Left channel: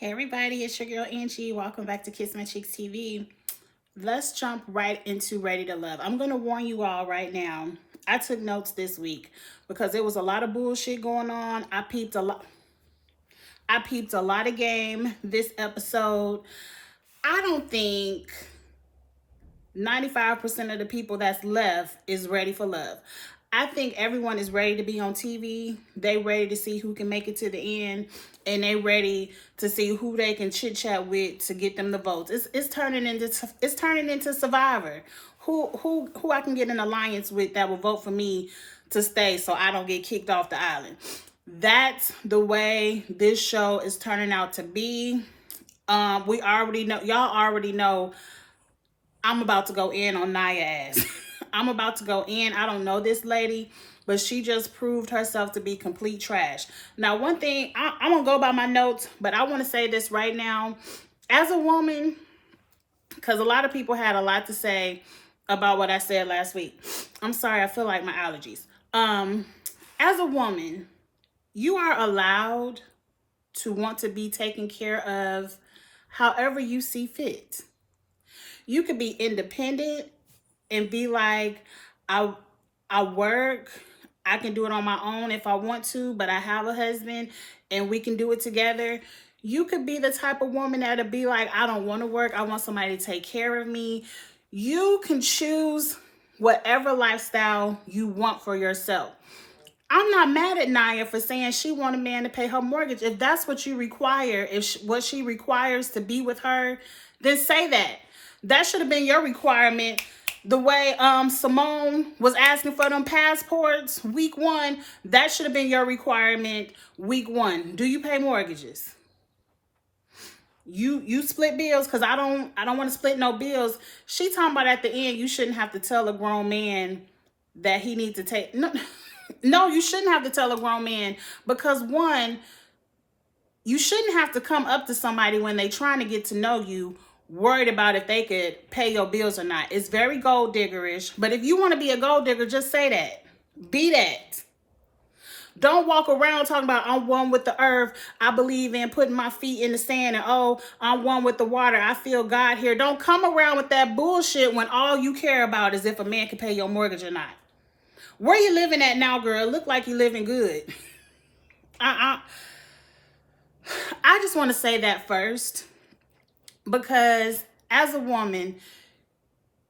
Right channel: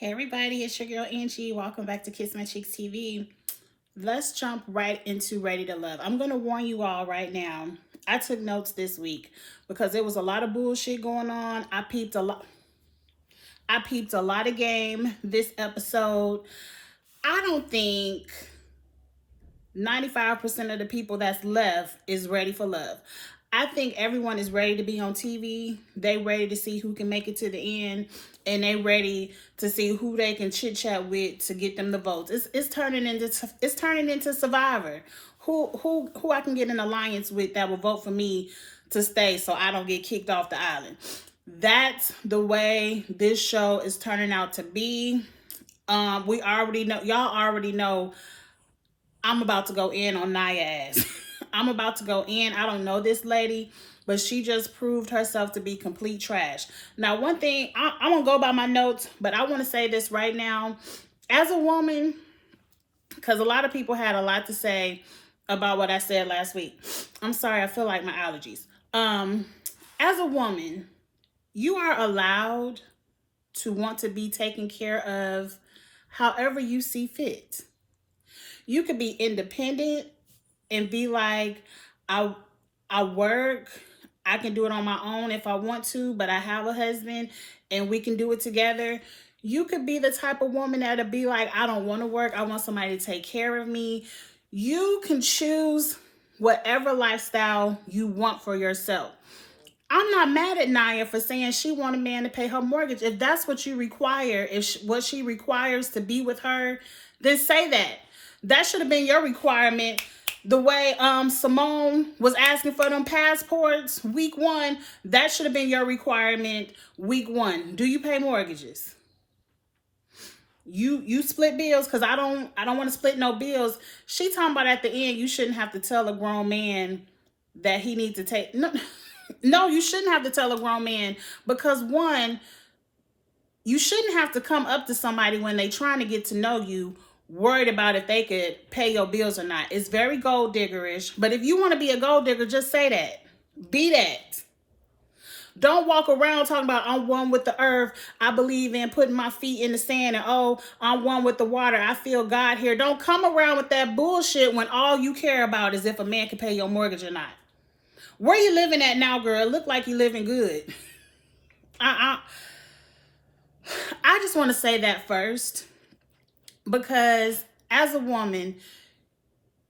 Hey everybody, it's your girl Angie. Welcome back to Kiss My Cheeks TV. Let's jump right into Ready to Love. I'm going to warn you all right now. I took notes this week because there was a lot of bullshit going on. I peeped a lot. I peeped a lot of game this episode. I don't think 95% of the people that's left is ready for love. I think everyone is ready to be on TV. They ready to see who can make it to the end, and they ready to see who they can chit chat with to get them the votes. It's turning into Survivor. Who I can get an alliance with that will vote for me to stay so I don't get kicked off the island. That's the way this show is turning out to be. We already know, y'all already know I'm about to go in on Nia ass. I'm about to go in. I don't know this lady, but she just proved herself to be complete trash. Now, one thing, I'm going to go by my notes, but I want to say this right now. As a woman, because a lot of people had a lot to say about what I said last week. I'm sorry, I feel like my allergies. As a woman, you are allowed to want to be taken care of however you see fit. You could be independent and be like, I work, I can do it on my own if I want to, but I have a husband and we can do it together. You could be the type of woman that'll be like, I don't want to work, I want somebody to take care of me. You can choose whatever lifestyle you want for yourself. I'm not mad at Nia for saying she want a man to pay her mortgage. If that's what you require, what she requires to be with her, then say that. That should have been your requirement. The way Simone was asking for them passports week 1, that should have been your requirement week 1. Do you pay mortgages? You split bills? Because I don't want to split no bills. She talking about at the end you shouldn't have to tell a grown man that he needs to take no, you shouldn't have to tell a grown man, because one, you shouldn't have to come up to somebody when they trying to get to know you worried about if they could pay your bills or not. It's very gold diggerish, but if you want to be a gold digger, just say that. Be that. Don't walk around talking about I'm one with the earth. I believe in putting my feet in the sand, and oh, I'm one with the water. I feel God here. Don't come around with that bullshit when all you care about is if a man can pay your mortgage or not. Where you living at now, girl? Look like you living good. I just want to say that first, because as a woman,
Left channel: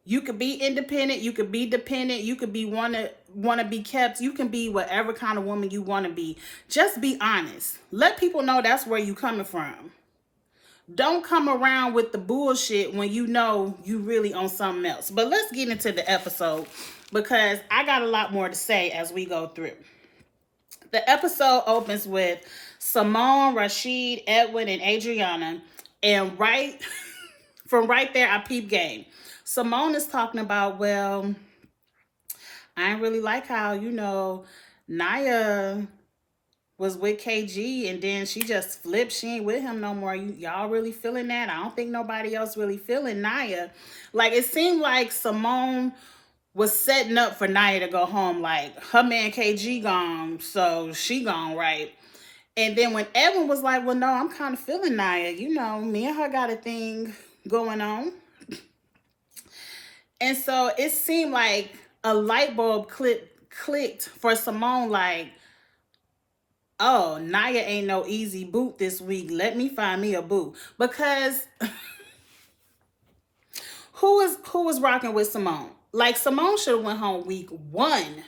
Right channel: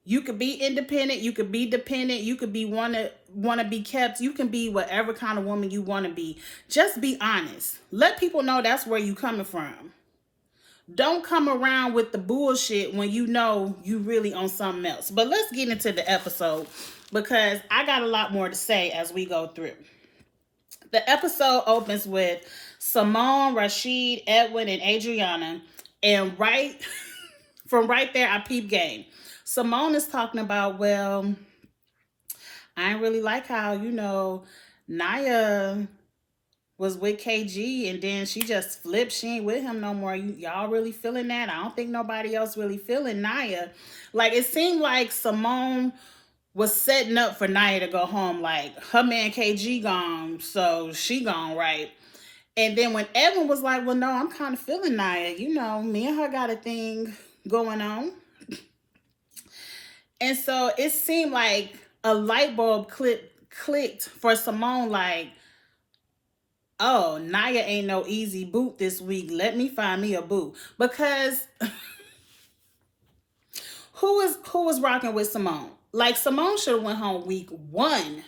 you could be independent, you could be dependent, you could be wanna be kept, you can be whatever kind of woman you want to be. Just be honest. Let people know that's where you coming from. Don't come around with the bullshit when you know you really on something else. But let's get into the episode, because I got a lot more to say as we go through. The episode opens with Simone, Rashid, Edwin, and Adriana. And from right there, I peep game. Simone is talking about, well, I ain't really like how, Nia was with KG and then she just flipped. She ain't with him no more. Y'all really feeling that? I don't think nobody else really feeling Nia. Like, it seemed like Simone was setting up for Nia to go home. Like, her man KG gone, so she gone, right? And then when Edwin was like, well, no, I'm kind of feeling Nia. Me and her got a thing going on. And so it seemed like a light bulb clicked for Simone, like, oh, Nia ain't no easy boot this week. Let me find me a boo. Because who was rocking with Simone? Like, Simone should have went home week 1.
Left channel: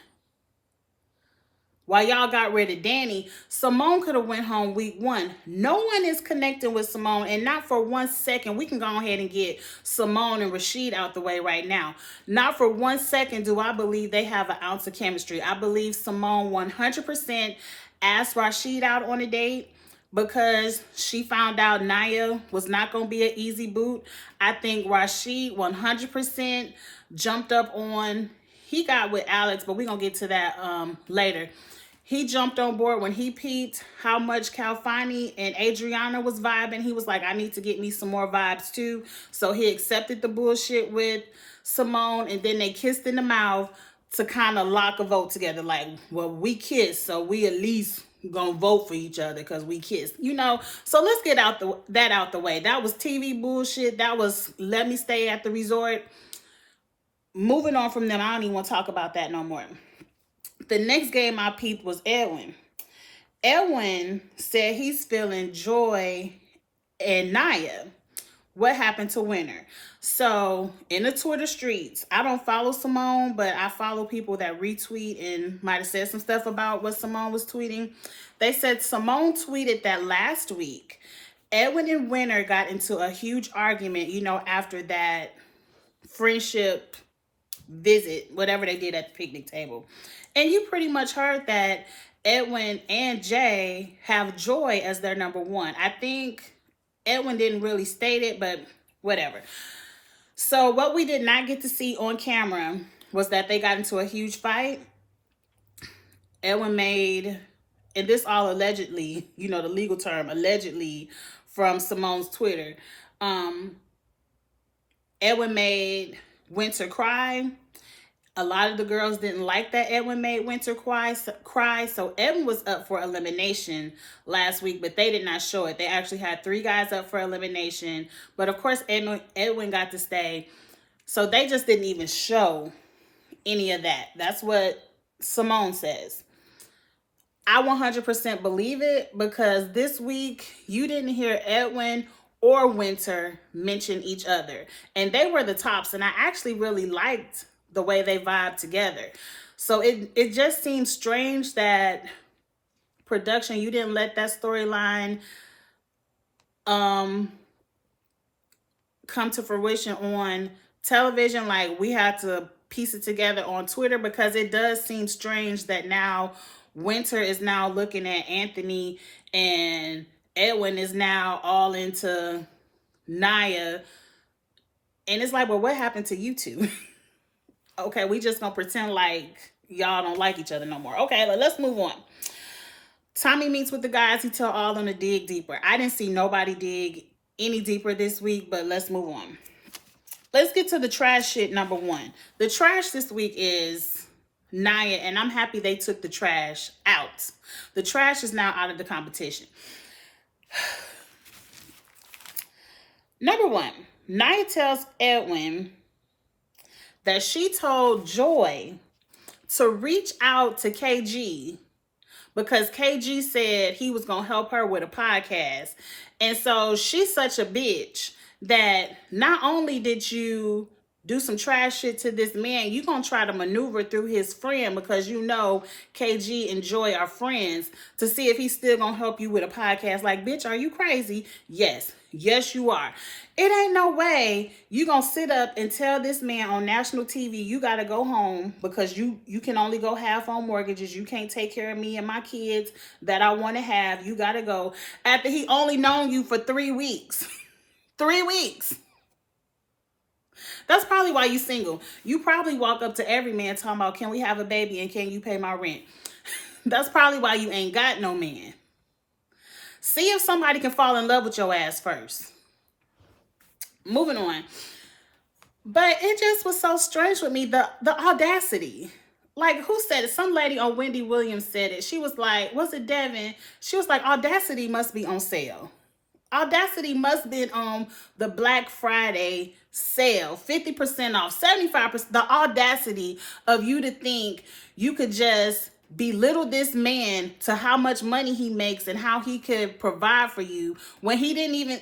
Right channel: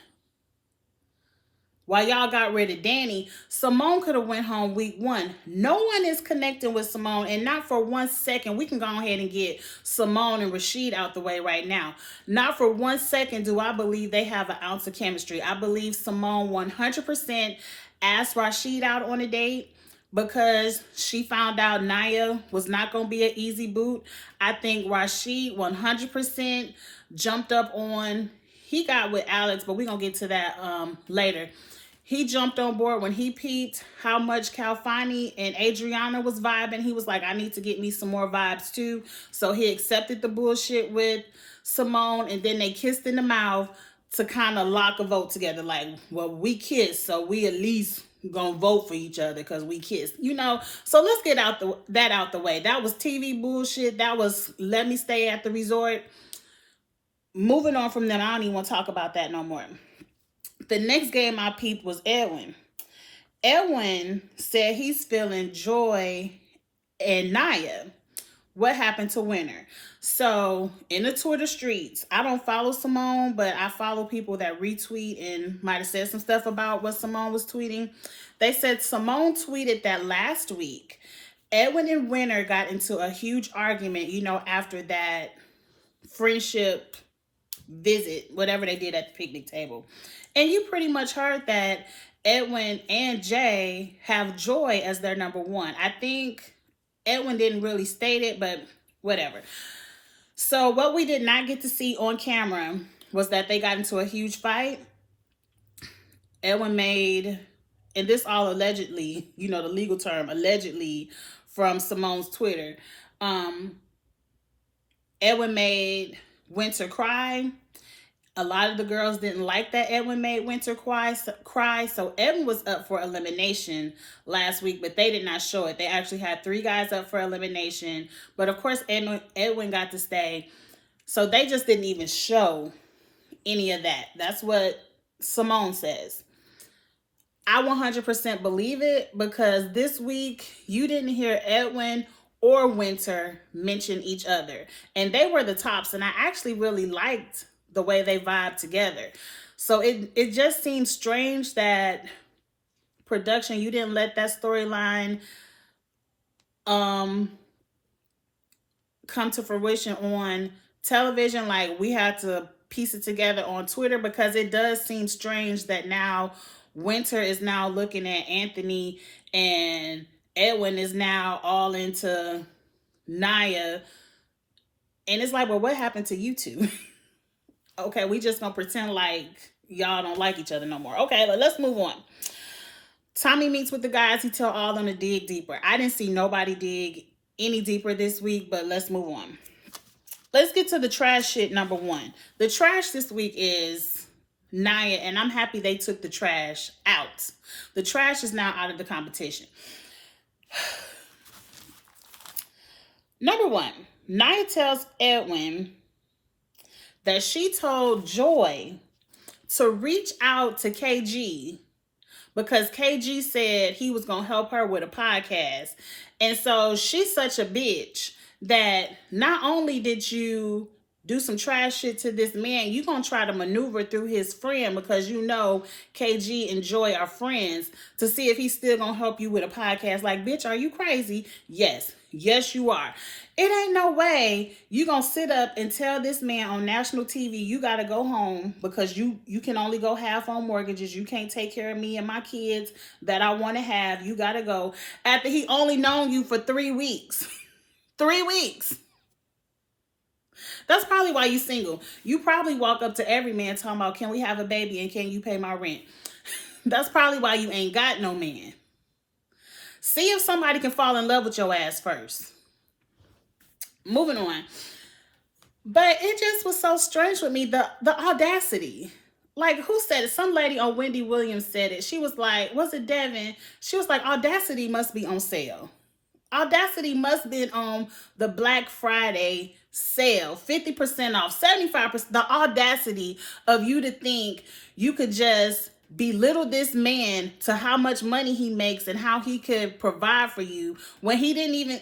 While y'all got rid of Danny, Simone could have went home week 1. No one is connecting with Simone, and not for 1 second. We can go ahead and get Simone and Rashid out the way right now. Not for 1 second do I believe they have an ounce of chemistry. I believe Simone 100% asked Rashid out on a date because she found out Nia was not going to be an easy boot. I think Rashid 100% jumped up on, he got with Alex, but we're going to get to that later. He jumped on board when he peeped how much Calfani and Adriana was vibing. He was like, I need to get me some more vibes too. So he accepted the bullshit with Simone, and then they kissed in the mouth to kind of lock a vote together. Like, well, we kissed, so we at least gonna vote for each other because we kissed, you know. So let's get that out the way. That was TV bullshit. That was let me stay at the resort. Moving on from that, I don't even want to talk about that no more. The next game I peeped was Edwin. Edwin said he's feeling Joy and Naya. What happened to Winter? So in the Twitter streets, I don't follow Simone, but I follow people that retweet and might have said some stuff about what Simone was tweeting. They said Simone tweeted that last week, Edwin and Winter got into a huge argument, you know, after that friendship visit, whatever they did at the picnic table. And you pretty much heard that Edwin and Jay have Joy as their number one. I think Edwin didn't really state it, but whatever. So what we did not get to see on camera was that they got into a huge fight. Edwin made, and this all allegedly, you know, the legal term, allegedly from Simone's Twitter. Edwin made Winter cry. A lot of the girls didn't like that Edwin made Winter cry. So Edwin was up for elimination last week, but they did not show it. They actually had 3 guys up for elimination. But of course, Edwin got to stay. So they just didn't even show any of that. That's what Simone says. I 100% believe it because this week you didn't hear Edwin or Winter mention each other. And they were the tops. And I actually really liked the way they vibe together. So it just seems strange that production, you didn't let that storyline come to fruition on television. Like, we had to piece it together on Twitter because it does seem strange that now Winter is now looking at Anthony and Edwin is now all into Naya. And it's like, well, what happened to you two? Okay, we just gonna pretend like y'all don't like each other no more. Okay, let's move on. Tommy meets with the guys. He tell all of them to dig deeper. I didn't see nobody dig any deeper this week, but let's move on. Let's get to the trash shit number 1. The trash this week is Naya, and I'm happy they took the trash out. The trash is now out of the competition. Number 1, Naya tells Edwin that she told Joy to reach out to KG because KG said he was going to help her with a podcast. And so she's such a bitch that not only did you do some trash shit to this man, you going to try to maneuver through his friend because you know KG and Joy are friends to see if he's still going to help you with a podcast. Like, bitch, are you crazy? Yes. Yes, you are. It ain't no way you gonna sit up and tell this man on national TV you gotta go home because you can only go half on mortgages. You can't take care of me and my kids that I want to have. You gotta go after he only known you for 3 weeks. 3 weeks. That's probably why you single. You probably walk up to every man talking about, can we have a baby and can you pay my rent? That's probably why you ain't got no man. See if somebody can fall in love with your ass first. Moving on. But it just was so strange with me, the audacity. Like, who said it? Some lady on Wendy Williams said it. She was like, was it Devin? She was like, Audacity must be on sale. Audacity must be on the Black Friday sale. 50% off, 75%. The audacity of you to think you could just belittle this man to how much money he makes and how he could provide for you when he didn't even...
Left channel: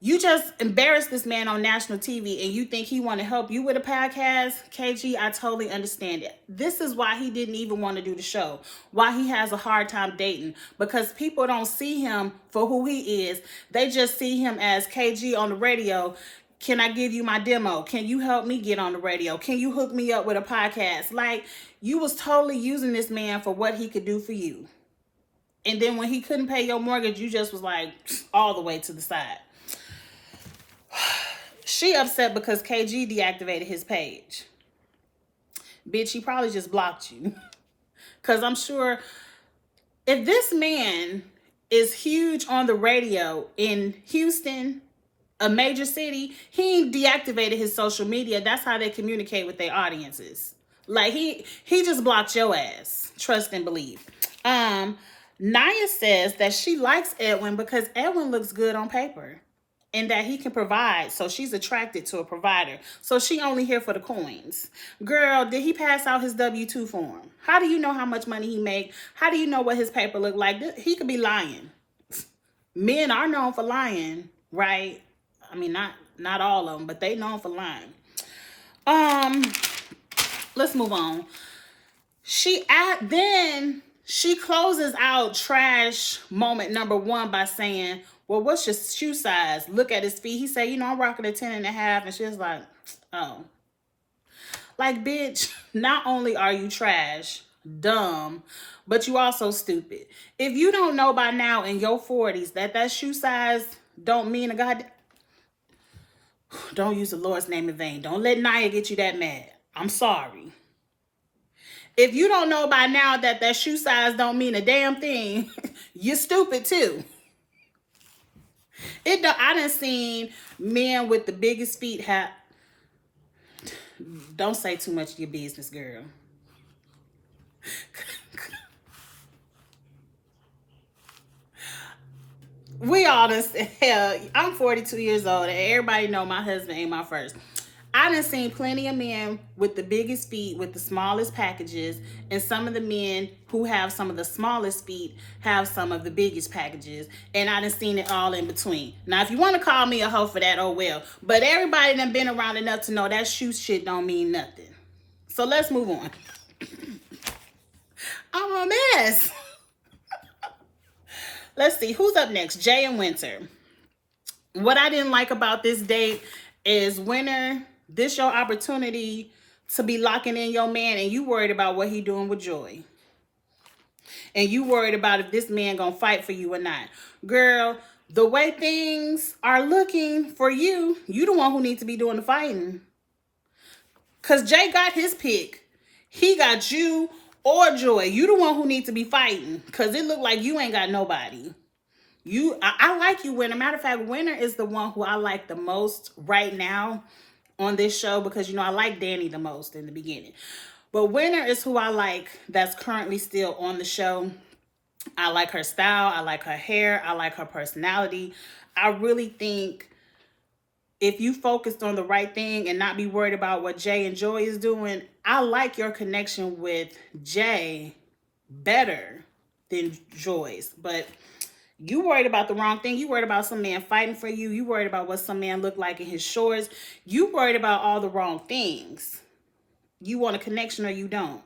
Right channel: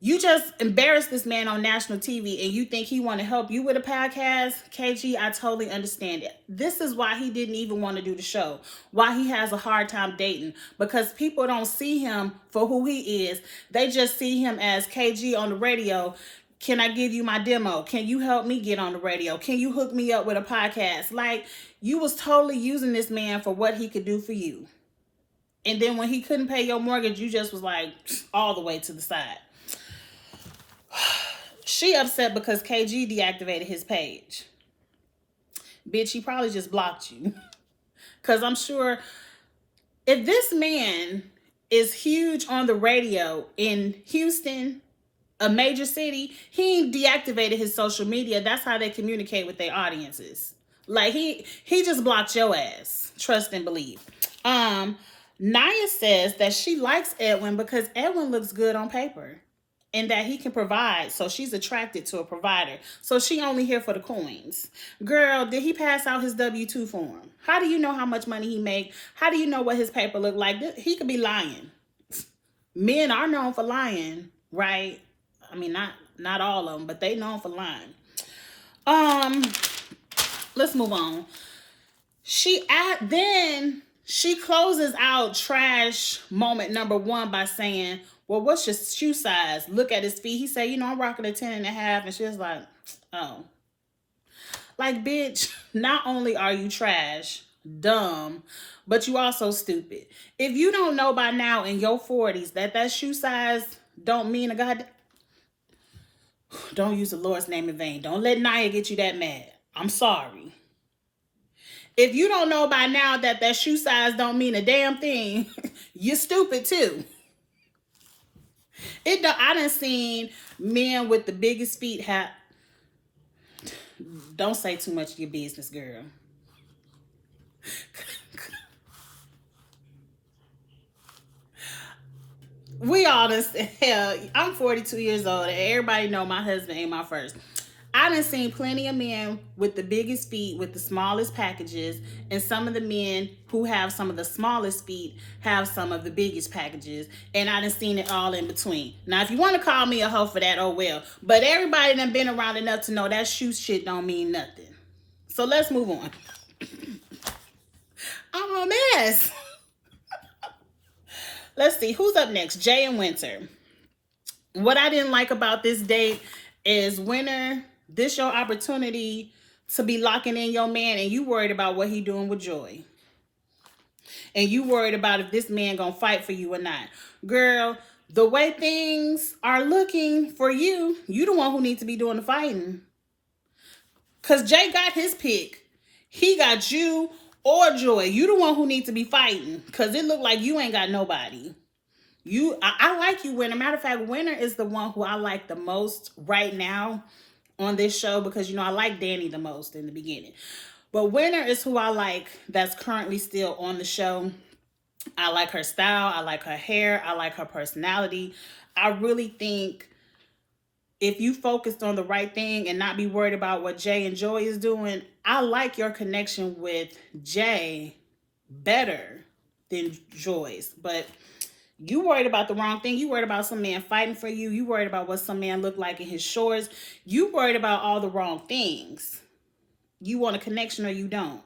You just embarrassed this man on national TV and you think he want to help you with a podcast? KG, I totally understand it. This is why he didn't even want to do the show. Why he has a hard time dating. Because people don't see him for who he is. They just see him as KG on the radio. Can I give you my demo? Can you help me get on the radio? Can you hook me up with a podcast? Like, you was totally using this man for what he could do for you. And then when he couldn't pay your mortgage, you just was like all the way to the side. She upset because KG deactivated his page. Bitch, he probably just blocked you. Because I'm sure if this man is huge on the radio in Houston, a major city, he deactivated his social media. That's how they communicate with their audiences. Like, he just blocked your ass. Trust and believe. Naya says that she likes Edwin because Edwin looks good on paper and that he can provide. So she's attracted to a provider. So she only here for the coins. Girl, did he pass out his W-2 form? How do you know how much money he make? How do you know what his paper look like? He could be lying. Men are known for lying, right? I mean, not all of them, but they known for lying. Let's move on. Then she closes out trash moment number 1 by saying, well, what's your shoe size? Look at his feet. He said, I'm rocking a 10.5. And she was like, oh. Like, bitch, not only are you trash, dumb, but you also stupid. If you don't know by now in your 40s that shoe size don't mean a god, don't use the Lord's name in vain. Don't let Naya get you that mad. I'm sorry. If you don't know by now that shoe size don't mean a damn thing, you're stupid too. I done seen men with the biggest feet have. Don't say too much of your business, girl. We all done, hell, I'm 42 years old and everybody know my husband ain't my first. I done seen plenty of men with the biggest feet with the smallest packages, and some of the men who have some of the smallest feet have some of the biggest packages, and I done seen it all in between. Now, if you want to call me a hoe for that, oh well. But everybody done been around enough to know that shoe shit don't mean nothing. So let's move on. I'm a mess. Let's see, who's up next? Jay and Winter. What I didn't like about this date is Winter, this your opportunity to be locking in your man and you worried about what he doing with Joy. And you worried about if this man gonna fight for you or not. Girl, the way things are looking for you, you the one who needs to be doing the fighting. Because Jay got his pick. He got you or Joy. You the one who needs to be fighting. Because it look like you ain't got nobody. I like you, Winter. Matter of fact, Winter is the one who I like the most right now on this show because, I like Danny the most in the beginning. But Winter is who I like that's currently still on the show. I like her style. I like her hair. I like her personality. I really think if you focused on the right thing and not be worried about what Jay and Joy is doing, I like your connection with Jay better than Joy's. But you worried about the wrong thing. You worried about some man fighting for you. You worried about what some man looked like in his shorts. You worried about all the wrong things. You want a connection or you don't.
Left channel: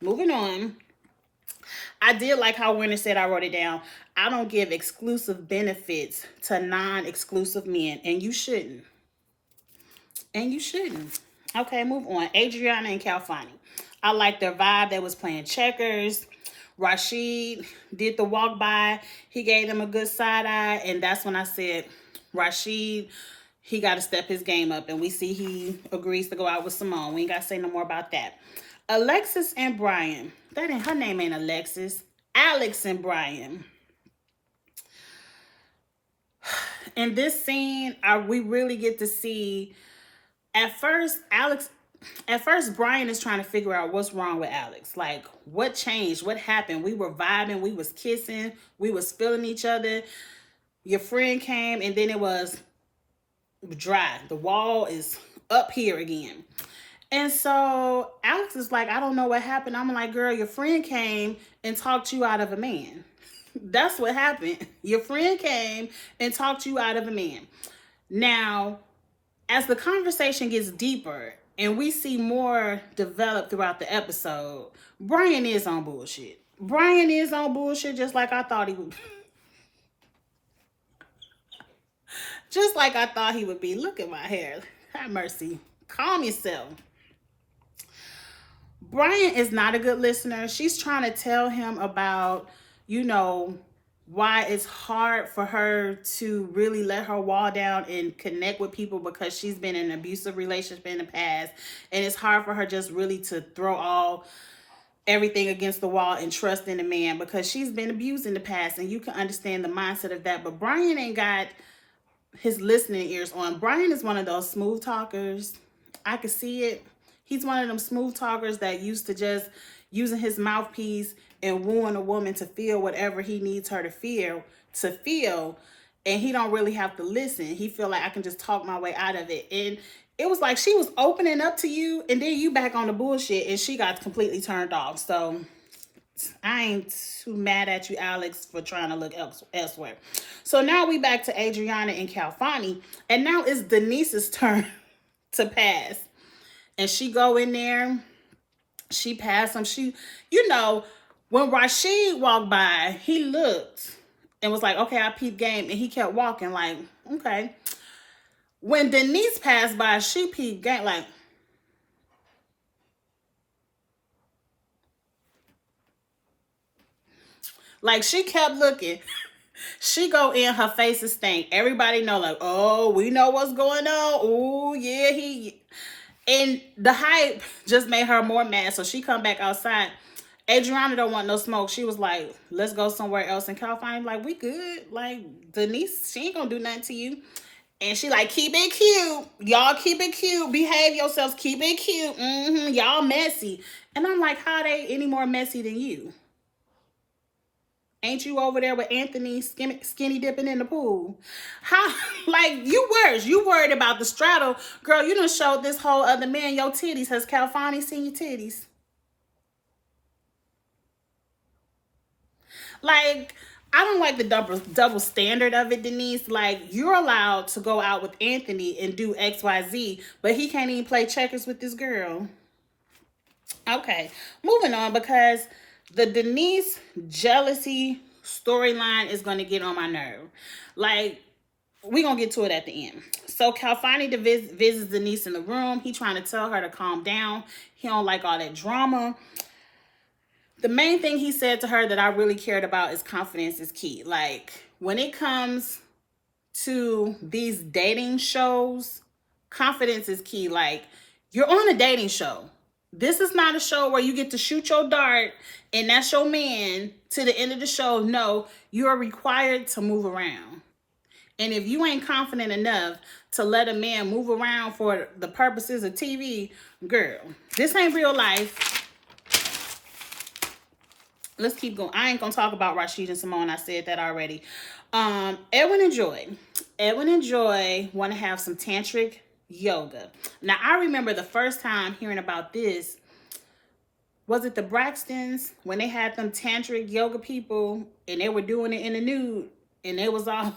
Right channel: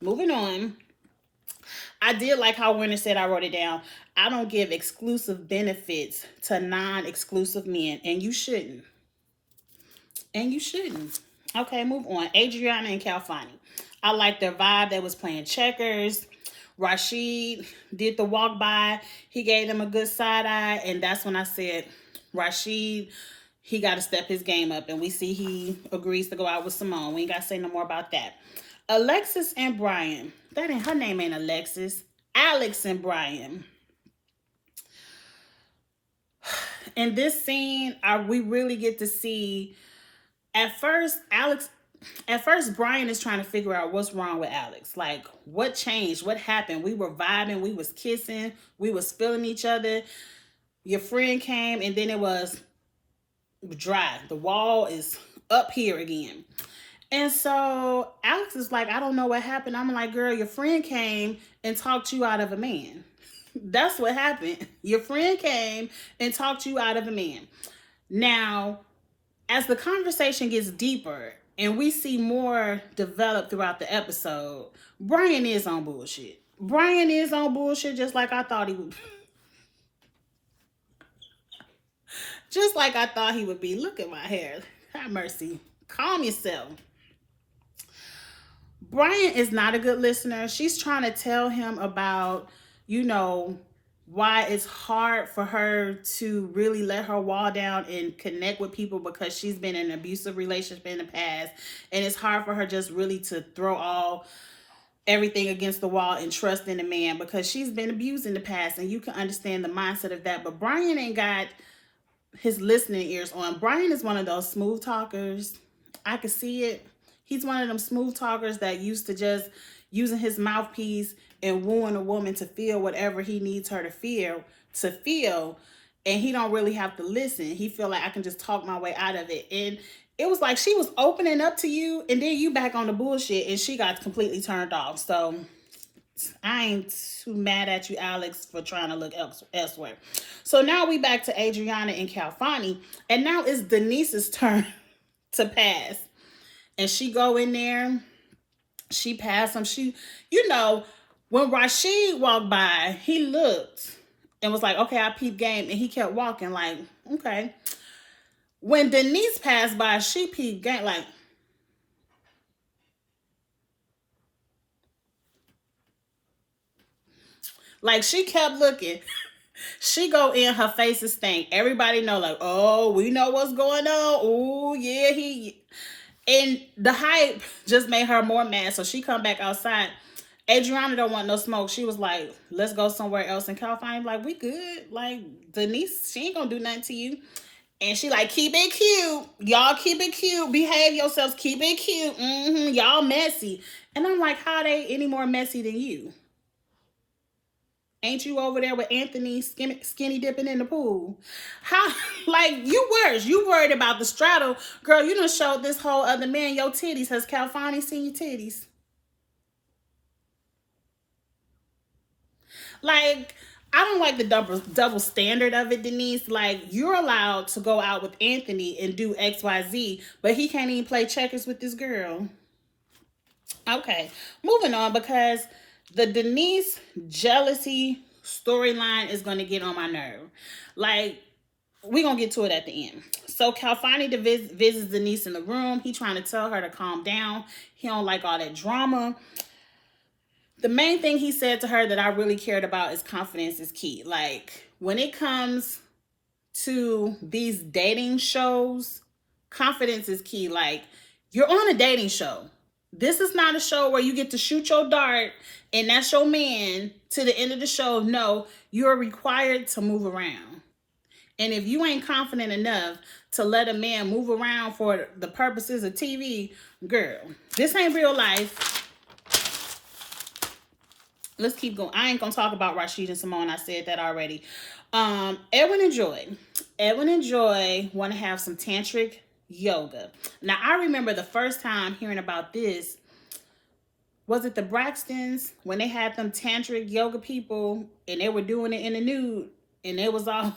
Moving on. I did like how Winter said, I wrote it down, I don't give exclusive benefits to non-exclusive men. And you shouldn't. And you shouldn't. Okay, move on. Adriana and Calfani. I like their vibe. They was playing checkers. Rashid did the walk by. He gave them a good side eye. And that's when I said, Rashid, he got to step his game up. And we see he agrees to go out with Simone. We ain't got to say no more about that. Alexis and Brian. Her name ain't Alexis. Alex and Brian. In this scene, we really get to see, at first, Brian is trying to figure out what's wrong with Alex. Like, what changed? What happened? We were vibing. We was kissing. We was feeling each other. Your friend came, and then it was dry. The wall is up here again. And so Alex is like, I don't know what happened. I'm like, girl, your friend came and talked you out of a man. That's what happened. Your friend came and talked you out of a man. Now, as the conversation gets deeper and we see more develop throughout the episode, Brian is on bullshit. Brian is on bullshit just like I thought he would. Just like I thought he would be. Look at my hair. Have mercy. Calm yourself. Brian is not a good listener. She's trying to tell him about, why it's hard for her to really let her wall down and connect with people because she's been in an abusive relationship in the past. And it's hard for her just really to throw everything against the wall and trust in a man because she's been abused in the past. And you can understand the mindset of that. But Brian ain't got his listening ears on. Brian is one of those smooth talkers. I can see it. He's one of them smooth talkers that used to just using his mouthpiece and wooing a woman to feel whatever he needs her to feel, and he don't really have to listen. He feel like I can just talk my way out of it. And it was like she was opening up to you, and then you back on the bullshit, and she got completely turned off. So I ain't too mad at you, Alex, for trying to look elsewhere. So now we back to Adriana and Calfani, and now it's Denise's turn to pass. And she go in there, she passed him. When Rashid walked by, he looked and was like, okay, I peep game. And he kept walking like, okay. When Denise passed by, she peeped game like she kept looking. She go in, her face is stank. Everybody know like, oh, we know what's going on. Oh, yeah, and the hype just made her more mad. So she come back outside. Adriana don't want no smoke. She was like, let's go somewhere else. And Calfani like, we good. Like, Denise, she ain't gonna do nothing to you. And she like, keep it cute. Y'all keep it cute. Behave yourselves. Keep it cute. Y'all messy. And I'm like, how they any more messy than you? Ain't you over there with Anthony skinny dipping in the pool? How, like, you worse. You worried about the straddle. Girl, you done showed this whole other man your titties. Has Calfani seen your titties? Like, I don't like the double standard of it, Denise. Like, you're allowed to go out with Anthony and do XYZ, but he can't even play checkers with this girl. Okay, moving on, because the Denise jealousy storyline is going to get on my nerve. Like, we're going to get to it at the end. So Calfani visits Denise in the room. He trying to tell her to calm down. He don't like all that drama. The main thing he said to her that I really cared about is confidence is key. Like, when it comes to these dating shows, confidence is key. Like, you're on a dating show. This is not a show where you get to shoot your dart and that's your man to the end of the show. No, you're required to move around. And if you ain't confident enough to let a man move around for the purposes of TV, girl, this ain't real life. Let's keep going. I ain't gonna talk about Rashid and Simone. I said that already. Edwin and Joy. Edwin and Joy want to have some tantric yoga. Now, I remember the first time hearing about this. Was it the Braxtons when they had them tantric yoga people and they were doing it in the nude and they was all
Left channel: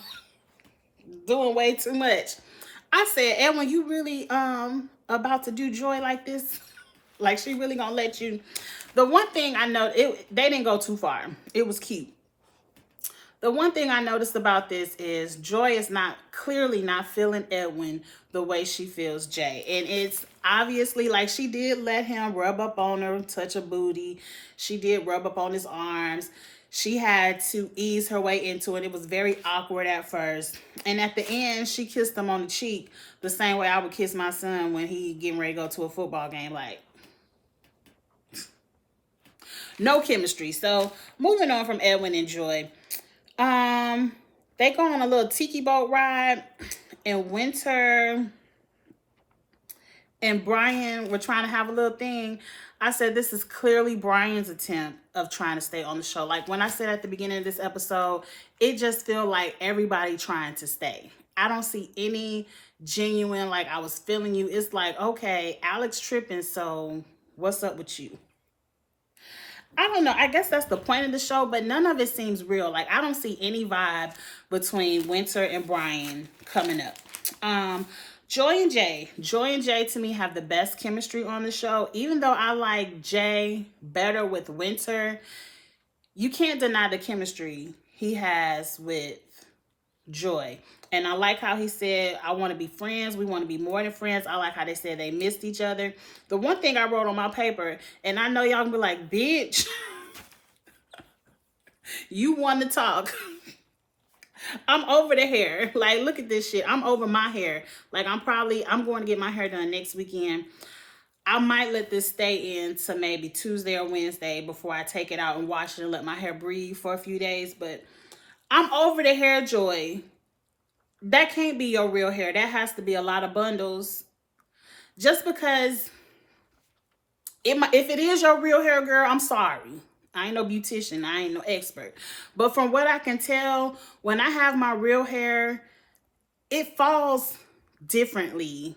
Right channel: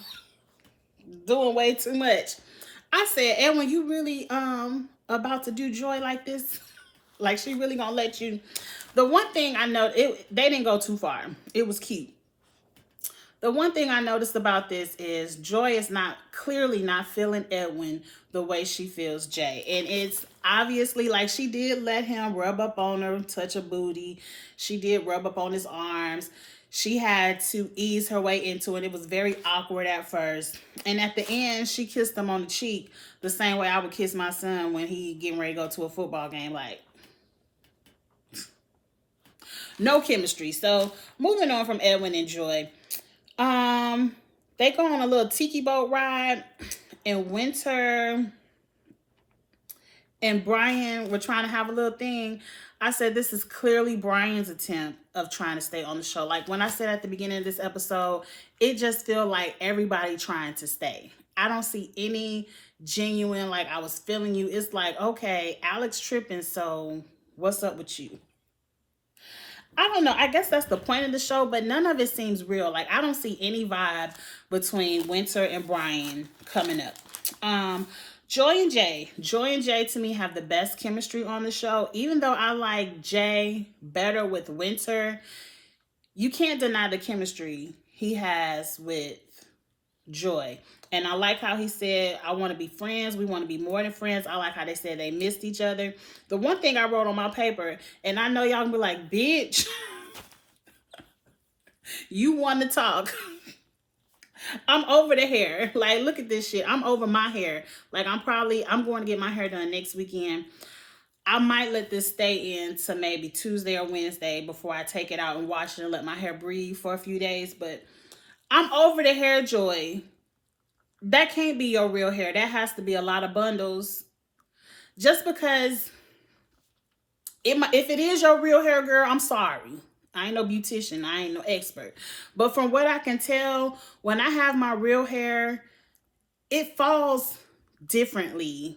doing way too much? I said, Edwin, you really about to do Joy like this? Like, she really gonna let you? The one thing I know, they didn't go too far. It was cute. The one thing I noticed about this is Joy is clearly not feeling Edwin the way she feels Jay. And it's obviously like she did let him rub up on her, touch her booty. She did rub up on his arms. She had to ease her way into it. It was very awkward at first. And at the end, she kissed him on the cheek the same way I would kiss my son when he getting ready to go to a football game. Like, no chemistry. So moving on from Edwin and Joy. They go on a little tiki boat ride, and Winter and Brian were trying to have a little thing. I said this is clearly Brian's attempt of trying to stay on the show. Like, when I said at the beginning of this episode, it just feel like everybody trying to stay. I don't see any genuine, like, I was feeling you. It's like, okay, Alex tripping, so what's up with you? I don't know. I guess that's the point of the show, but none of it seems real. Like, I don't see any vibe between Winter and Brian coming up. Joy and Jay to me have the best chemistry on the show. Even though I like Jay better with Winter, you can't deny the chemistry he has with Joy. And I like how he said, I want to be friends. We want to be more than friends. I like how they said they missed each other. The one thing I wrote on my paper, and I know y'all gonna be like, bitch, you want to talk. I'm over the hair. Like, look at this shit. I'm over my hair. Like, I'm going to get my hair done next weekend. I might let this stay in to maybe Tuesday or Wednesday before I take it out and wash it and let my hair breathe for a few days. But I'm over the hair, Joy. That can't be your real hair. That has to be a lot of bundles. Just because if it is your real hair, girl, I'm sorry. I ain't no beautician. I ain't no expert. But from what I can tell, when I have my real hair, it falls differently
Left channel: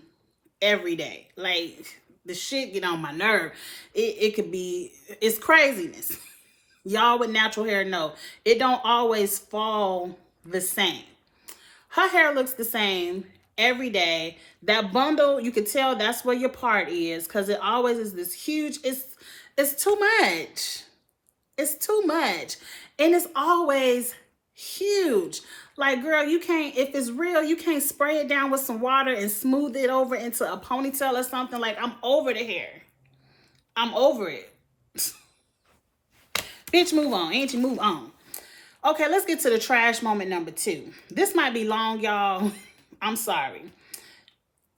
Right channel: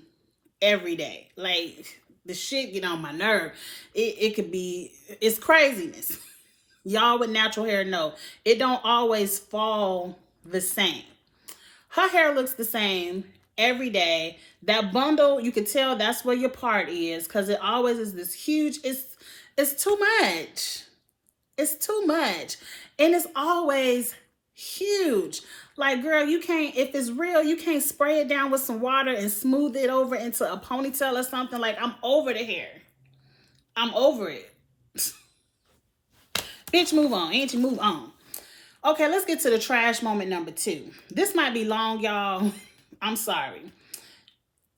every day. Like, the shit get on my nerve. It could be, it's craziness. Y'all with natural hair know it don't always fall the same. Her hair looks the same every day. That bundle, you can tell that's where your part is, because it always is this huge, it's too much. It's too much. And it's always huge. Like, girl, you can't, if it's real, you can't spray it down with some water and smooth it over into a ponytail or something. Like, I'm over the hair. I'm over it. Bitch, move on. Ain't you move on. Okay, let's get to the trash moment number 2. This might be long, y'all. I'm sorry.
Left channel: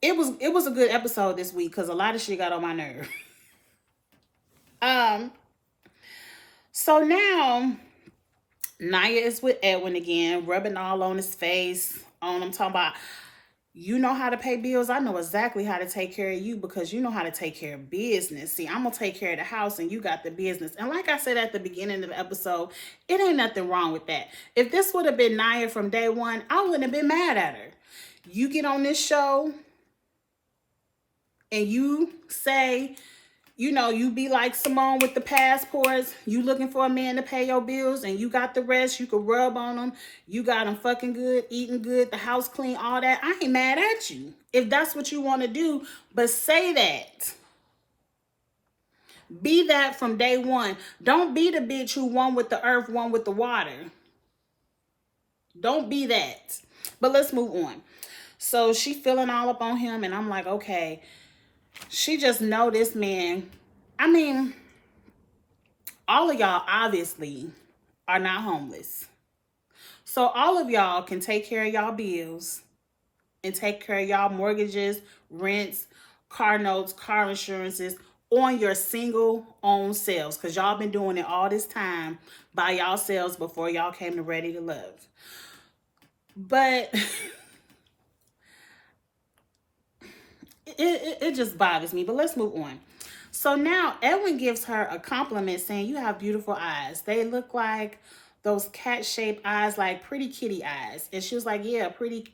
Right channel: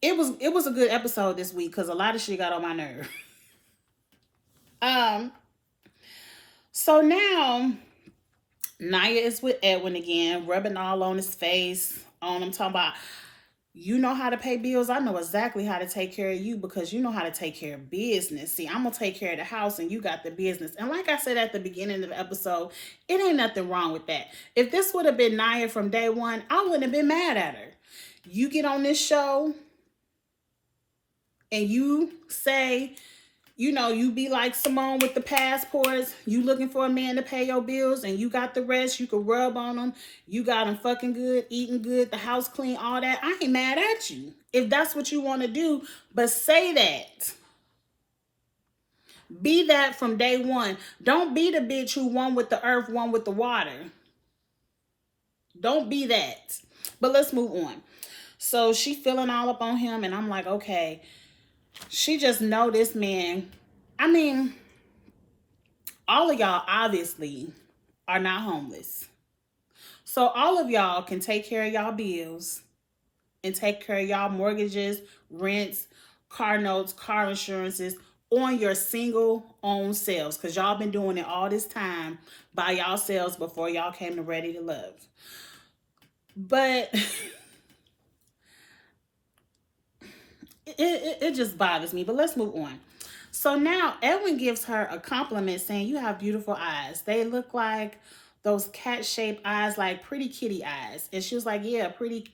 It was a good episode this week because a lot of shit got on my nerve. So now Nia is with Edwin again, rubbing all on his face. On I'm talking about, you know how to pay bills. I know exactly how to take care of you because you know how to take care of business. See, I'm going to take care of the house and you got the business. And like I said at the beginning of the episode, it ain't nothing wrong with that. If this would have been Nia from day one, I wouldn't have been mad at her. You get on this show and you say, you know, you be like Simone with the passports. You looking for a man to pay your bills and you got the rest. You could rub on them. You got them fucking good, eating good, the house clean, all that. I ain't mad at you if that's what you want to do. But say that. Be that from day one. Don't be the bitch who one with the earth, one with the water. Don't be that. But let's move on. So she feeling all up on him and I'm like, okay. She just know this man. I mean, all of y'all obviously are not homeless. So all of y'all can take care of y'all bills and take care of y'all mortgages, rents, car notes, car insurances on your single own selves. Because y'all been doing it all this time by y'all selves before y'all came to Ready to Love. But it just bothers me. But let's move on. So now Edwin gives her a compliment saying, you have beautiful eyes. They look like those cat-shaped eyes, like pretty kitty eyes. And she was like, yeah, pretty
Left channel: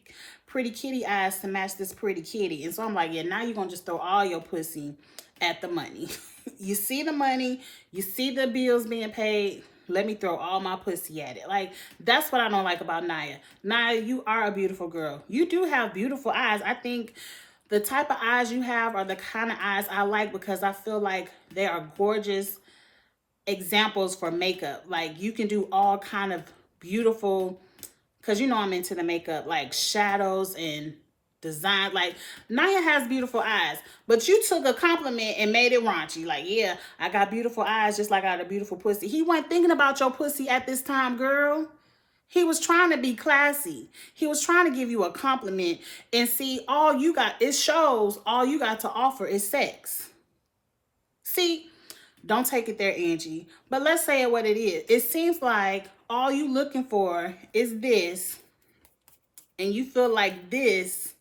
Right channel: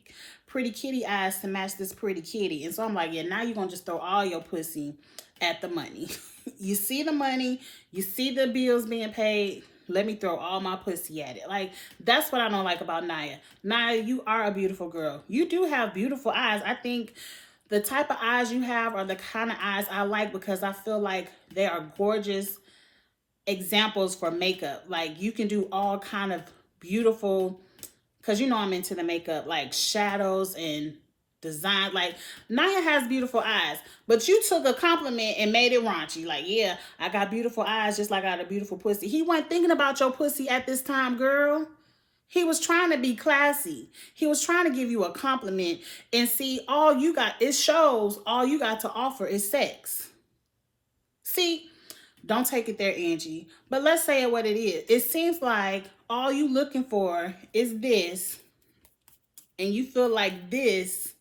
kitty eyes to match this pretty kitty. And so I'm like, yeah, now you're going to just throw all your pussy at the money. You see the money. You see the bills being paid. Let me throw all my pussy at it. Like, that's what I don't like about Nia. Nia, you are a beautiful girl. You do have beautiful eyes. I think the type of eyes you have are the kind of eyes I like because I feel like they are gorgeous examples for makeup. Like, you can do all kind of beautiful, because you know I'm into the makeup, like shadows and design. Like, Nia has beautiful eyes, but you took a compliment and made it raunchy. Like, yeah, I got beautiful eyes just like I got a beautiful pussy. He wasn't thinking about your pussy at this time, girl. He was trying to be classy. He was trying to give you a compliment and see all you got. It shows all you got to offer is sex. See, don't take it there, Angie. But let's say it what it is. It seems like all you looking for is this. And you feel like this,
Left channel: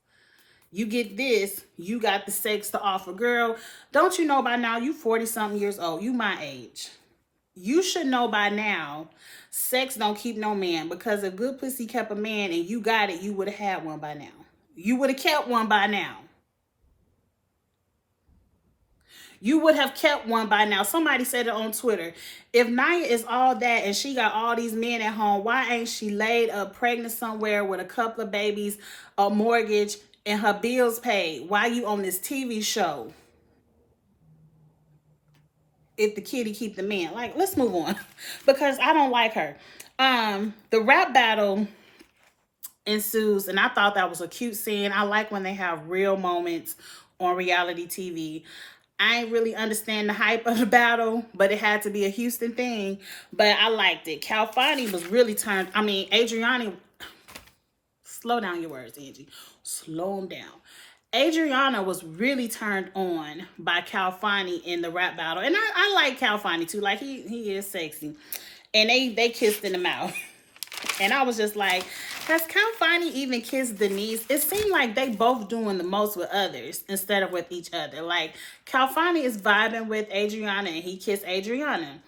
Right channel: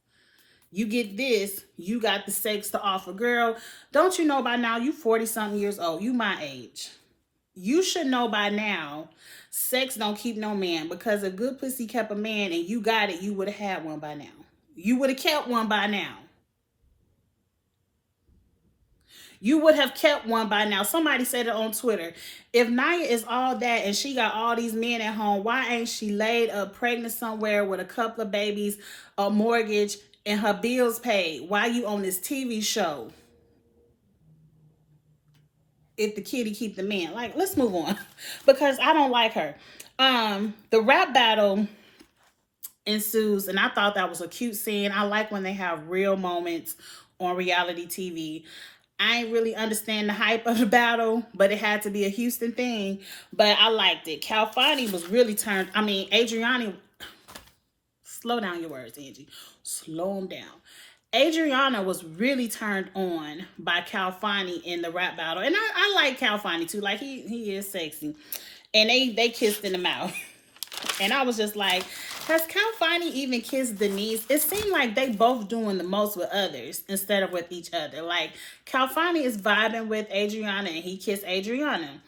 you get this, you got the sex to offer. Girl, don't you know by now you 40-something years old. You my age. You should know by now sex don't keep no man, because if good pussy kept a man and you got it, you would have had one by now. You would have kept one by now. You would have kept one by now. Somebody said it on Twitter. If Nia is all that and she got all these men at home, why ain't she laid up pregnant somewhere with a couple of babies, a mortgage, and her bills paid? Why you on this TV show? If the kitty keep the man. Like, let's move on because I don't like her. The rap battle ensues and I thought that was a cute scene. I like when they have real moments on reality TV. I ain't really understand the hype of the battle, but it had to be a Houston thing. But I liked it. Calfani was really turned. I mean, Adriana. Slow down your words, Angie. Slow them down. Adriana was really turned on by Calfani in the rap battle. And I like Calfani too. Like, he is sexy. And they kissed in the mouth. And I was just like, has Calfani even kissed Denise? It seemed like they both doing the most with others instead of with each other. Like, Calfani is vibing with Adriana and he kissed Adriana.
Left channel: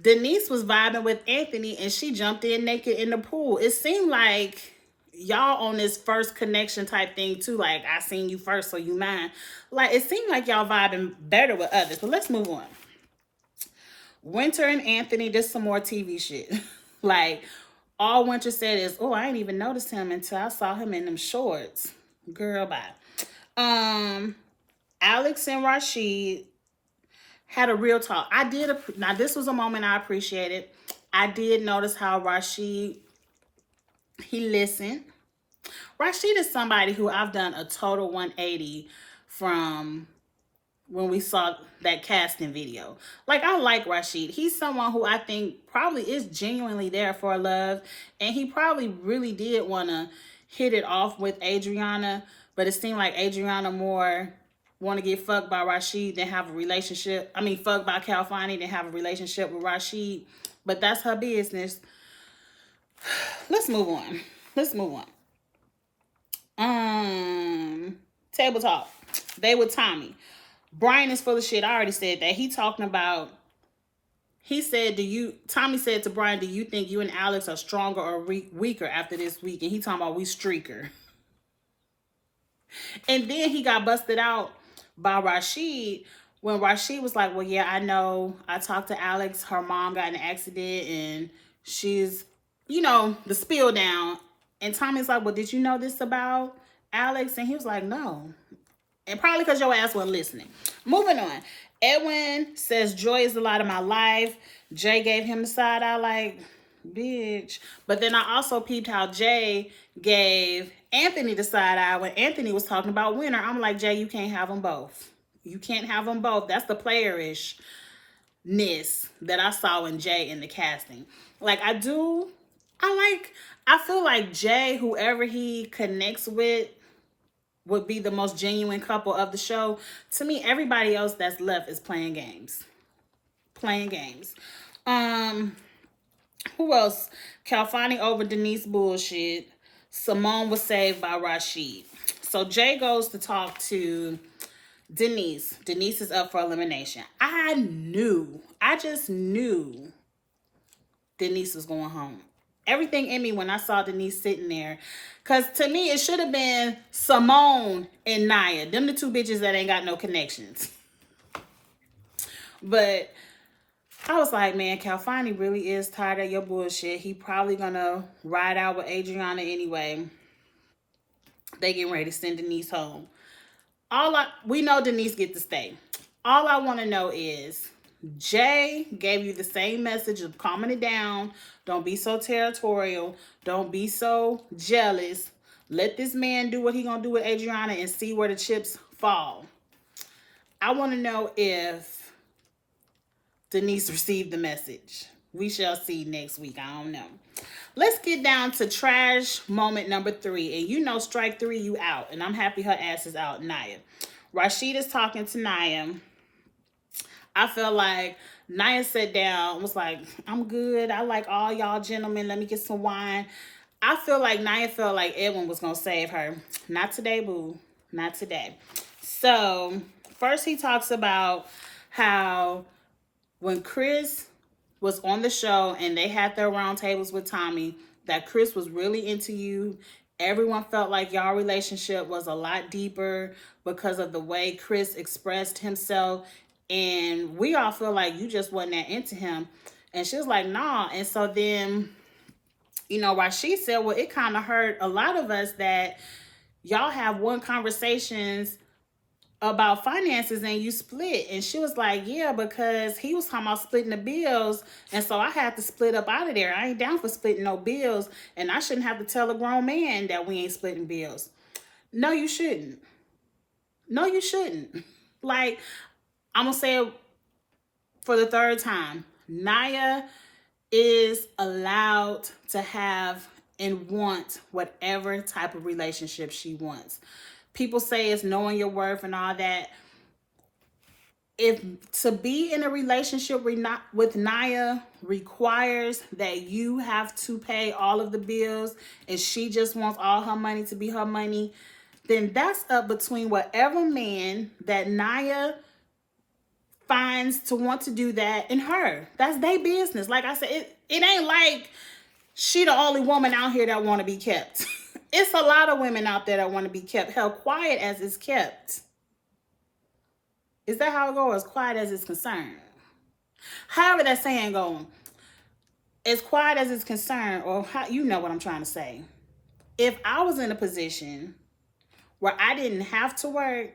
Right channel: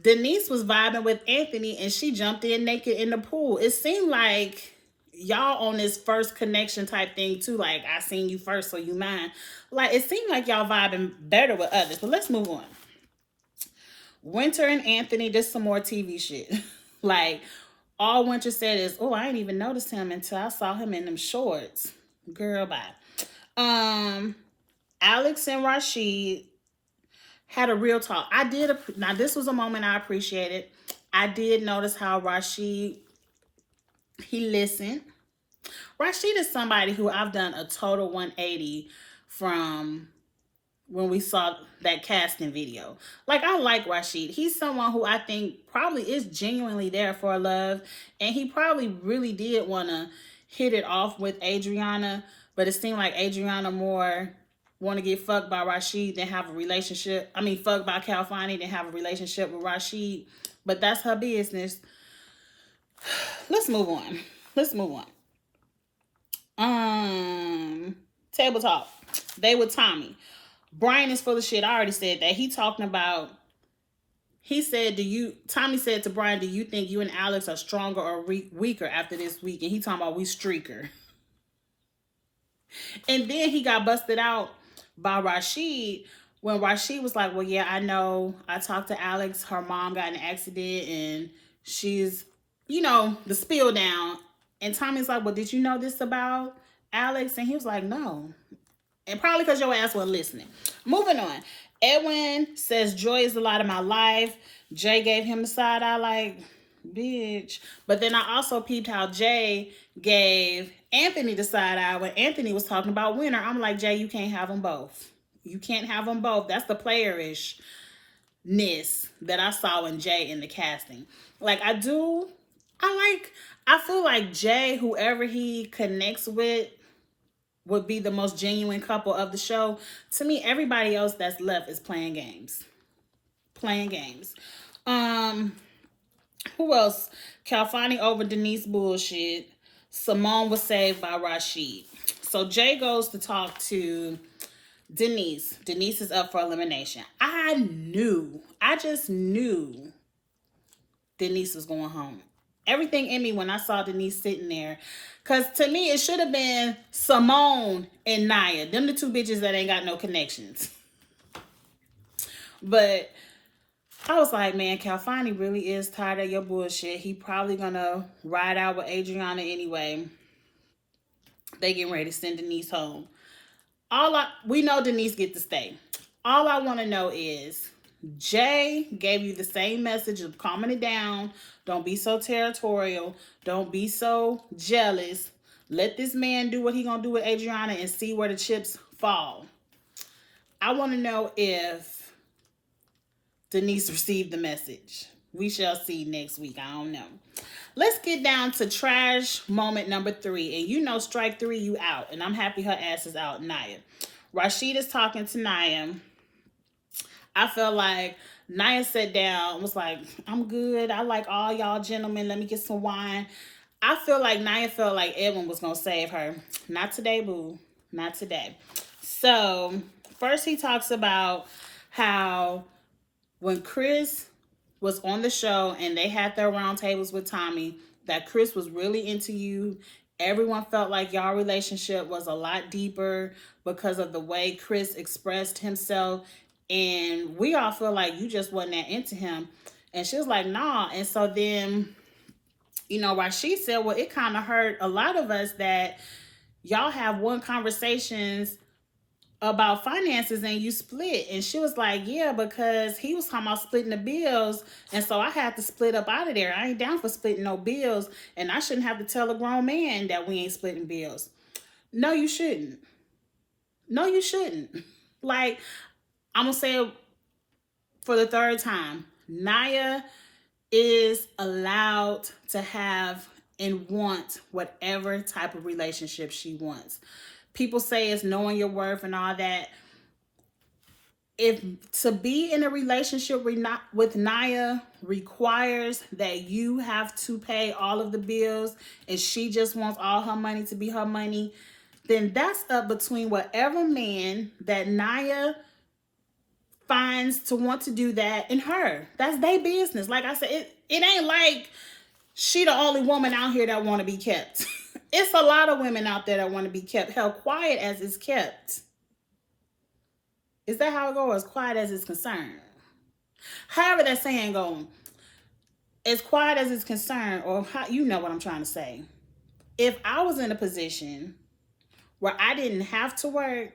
Denise was vibing with Anthony and she jumped in naked in the pool. It seemed like y'all on this first connection type thing too. Like, I seen you first, so you mine. Like, it seemed like y'all vibing better with others. But let's move on. Winter and Anthony did some more TV shit. Like, all Winter said is, oh, I didn't even notice him until I saw him in them shorts. Girl, bye. Alex and Rashid had a real talk. Now this was a moment I appreciated. I did notice how Rashid, he listened. Rashid is somebody who I've done a total 180 from when we saw that casting video. Like, I like Rashid. He's someone who I think probably is genuinely there for love, and he probably really did want to hit it off with Adriana, but it seemed like Adriana more want to get fucked by Rashid than have a relationship. I mean, fucked by Calfani than have a relationship with Rashid. But that's her business. Let's move on. Table talk. They with Tommy. Brian is full of shit. I already said that. Tommy said to Brian, do you think you and Alex are stronger or weaker after this week? And he talking about we streaker. And then he got busted out by Rashid when Rashid was like, well, yeah, I know. I talked to Alex. Her mom got in an accident and she's, the spill down. And Tommy's like, well, did you know this about Alex? And he was like, no. And probably because your ass wasn't listening. Moving on. Edwin says, joy is a lot of my life. Jay gave him the side eye like, bitch. But then I also peeped how Jay gave Anthony the side eye when Anthony was talking about Winter. I'm like, Jay, you can't have them both. You can't have them both. That's the playerishness that I saw in Jay in the casting. Like, I feel like Jay, whoever he connects with, would be the most genuine couple of the show. To me, everybody else that's left is playing games. Who else? Calfani over Denise bullshit. Simone was saved by Rashid. So Jay goes to talk to Denise. Denise is up for elimination. I just knew Denise was going home. Everything in me when I saw Denise sitting there. Because to me, it should have been Simone and Naya. Them the two bitches that ain't got no connections. But I was like, man, Calfani really is tired of your bullshit. He probably gonna ride out with Adriana anyway. They getting ready to send Denise home. We know Denise get to stay. All I want to know is, Jay gave you the same message of calming it down. Don't be so territorial. Don't be so jealous. Let this man do what he gonna do with Adriana and see where the chips fall. I want to know if Denise received the message. We shall see next week. I don't know. Let's get down to trash moment number 3. And strike 3, you out. And I'm happy her ass is out, Naya. Rashid is talking to Naya. I felt like Naya sat down, was like, I'm good. I like all y'all gentlemen. Let me get some wine. I feel like Naya felt like Edwin was going to save her. Not today, boo. Not today. So, first he talks about how when Chris was on the show and they had their round tables with Tommy, that Chris was really into you. Everyone felt like y'all relationship was a lot deeper because of the way Chris expressed himself. And we all feel like you just wasn't that into him. And she was like, nah. And so then, Rashid said, well, it kind of hurt a lot of us that y'all have one conversations about finances and you split. And she was like, yeah, because he was talking about splitting the bills. And so I had to split up out of there. I ain't down for splitting no bills. And I shouldn't have to tell a grown man that we ain't splitting bills. No, you shouldn't. Like, I'm going to say it for the third time. Naya is allowed to have and want whatever type of relationship she wants. People say it's knowing your worth and all that. If to be in a relationship with Naya requires that you have to pay all of the bills and she just wants all her money to be her money, then that's up between whatever man that Naya finds to want to do that in her. That's their business. Like I said, it ain't like she the only woman out here that want to be kept. It's a lot of women out there that want to be kept, held quiet as it's kept. Is that how it goes? As quiet as it's concerned. However that saying going, as quiet as it's concerned, or how, you know what I'm trying to say. If I was in a position where I didn't have to work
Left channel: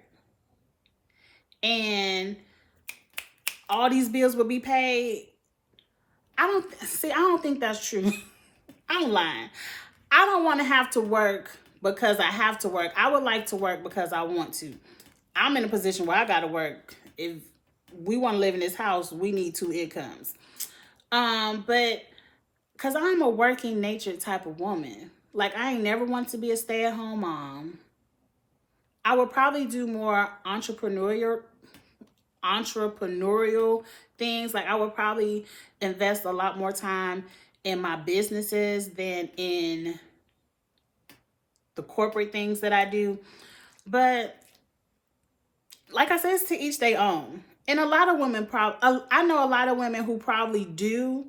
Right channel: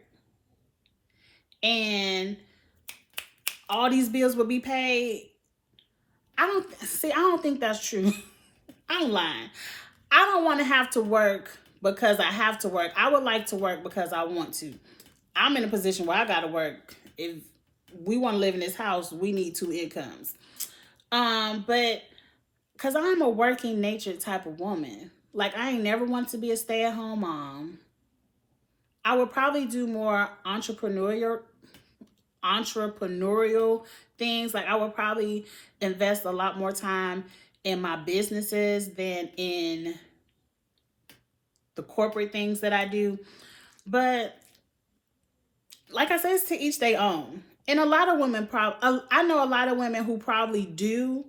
and all these bills would be paid, I don't think that's true. I'm lying. I don't want to have to work because I have to work. I would like to work because I want to. I'm in a position where I got to work. If we want to live in this house, we need 2 incomes. But because I'm a working nature type of woman, like I ain't never want to be a stay-at-home mom. I would probably do more entrepreneurial things. Like I would probably invest a lot more time in my businesses than in the corporate things that I do. But like I said, it's to each their own. And a lot of women I know a lot of women who probably do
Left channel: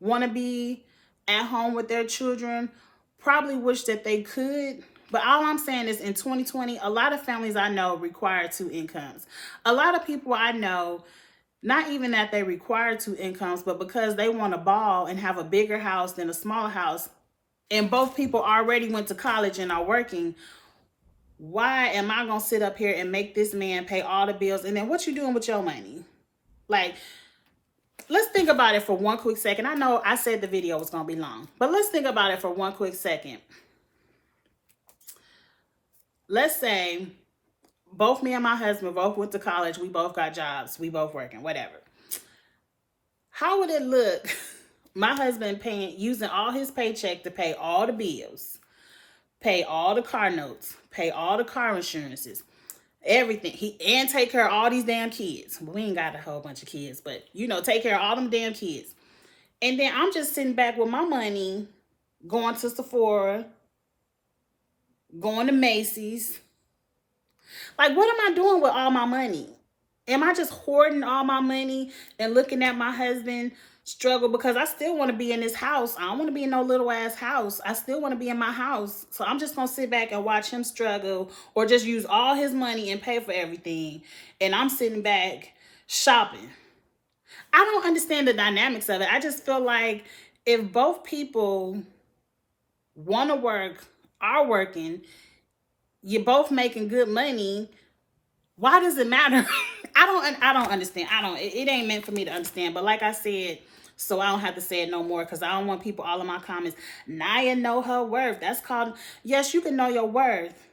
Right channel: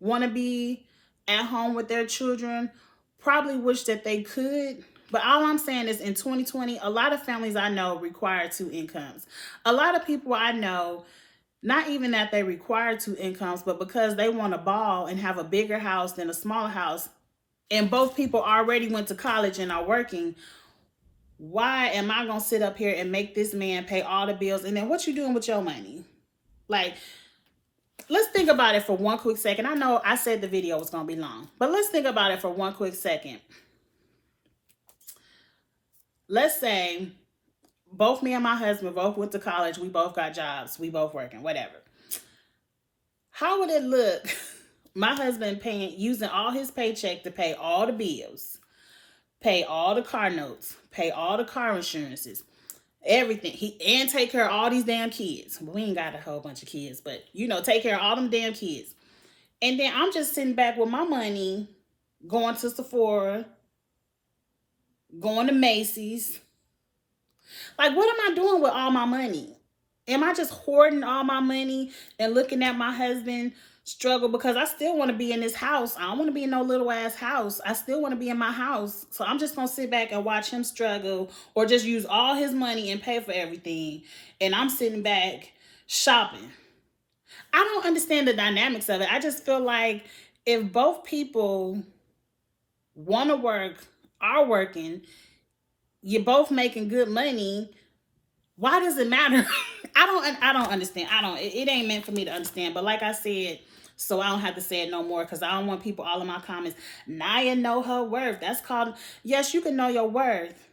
want to be at home with their children, probably wish that they could. But all I'm saying is in 2020, a lot of families I know require 2 incomes. A lot of people I know, not even that they require 2 incomes, but because they want to ball and have a bigger house than a smaller house, and both people already went to college and are working, why am I going to sit up here and make this man pay all the bills? And then what you doing with your money? Like, let's think about it for one quick second. I know I said the video was going to be long, but let's think about it for one quick second. Let's say both me and my husband both went to college. We both got jobs. We both working, whatever. How would it look? My husband using all his paycheck to pay all the bills, pay all the car notes, pay all the car insurances, everything. And take care of all these damn kids. Well, we ain't got a whole bunch of kids, but take care of all them damn kids. And then I'm just sitting back with my money, going to Sephora, going to Macy's. Like, what am I doing with all my money? Am I just hoarding all my money and looking at my husband struggle? Because I still want to be in this house. I don't want to be in no little ass house. I still want to be in my house. So I'm just going to sit back and watch him struggle, or just use all his money and pay for everything. And I'm sitting back shopping. I don't understand the dynamics of it. I just feel like if both people want to work, are working, you're both making good money, why does it matter? I don't understand. It ain't meant for me to understand. But like I said, so I don't have to say it no more, because I don't want people all in my comments, Nia know her worth. That's called, yes, you can know your worth,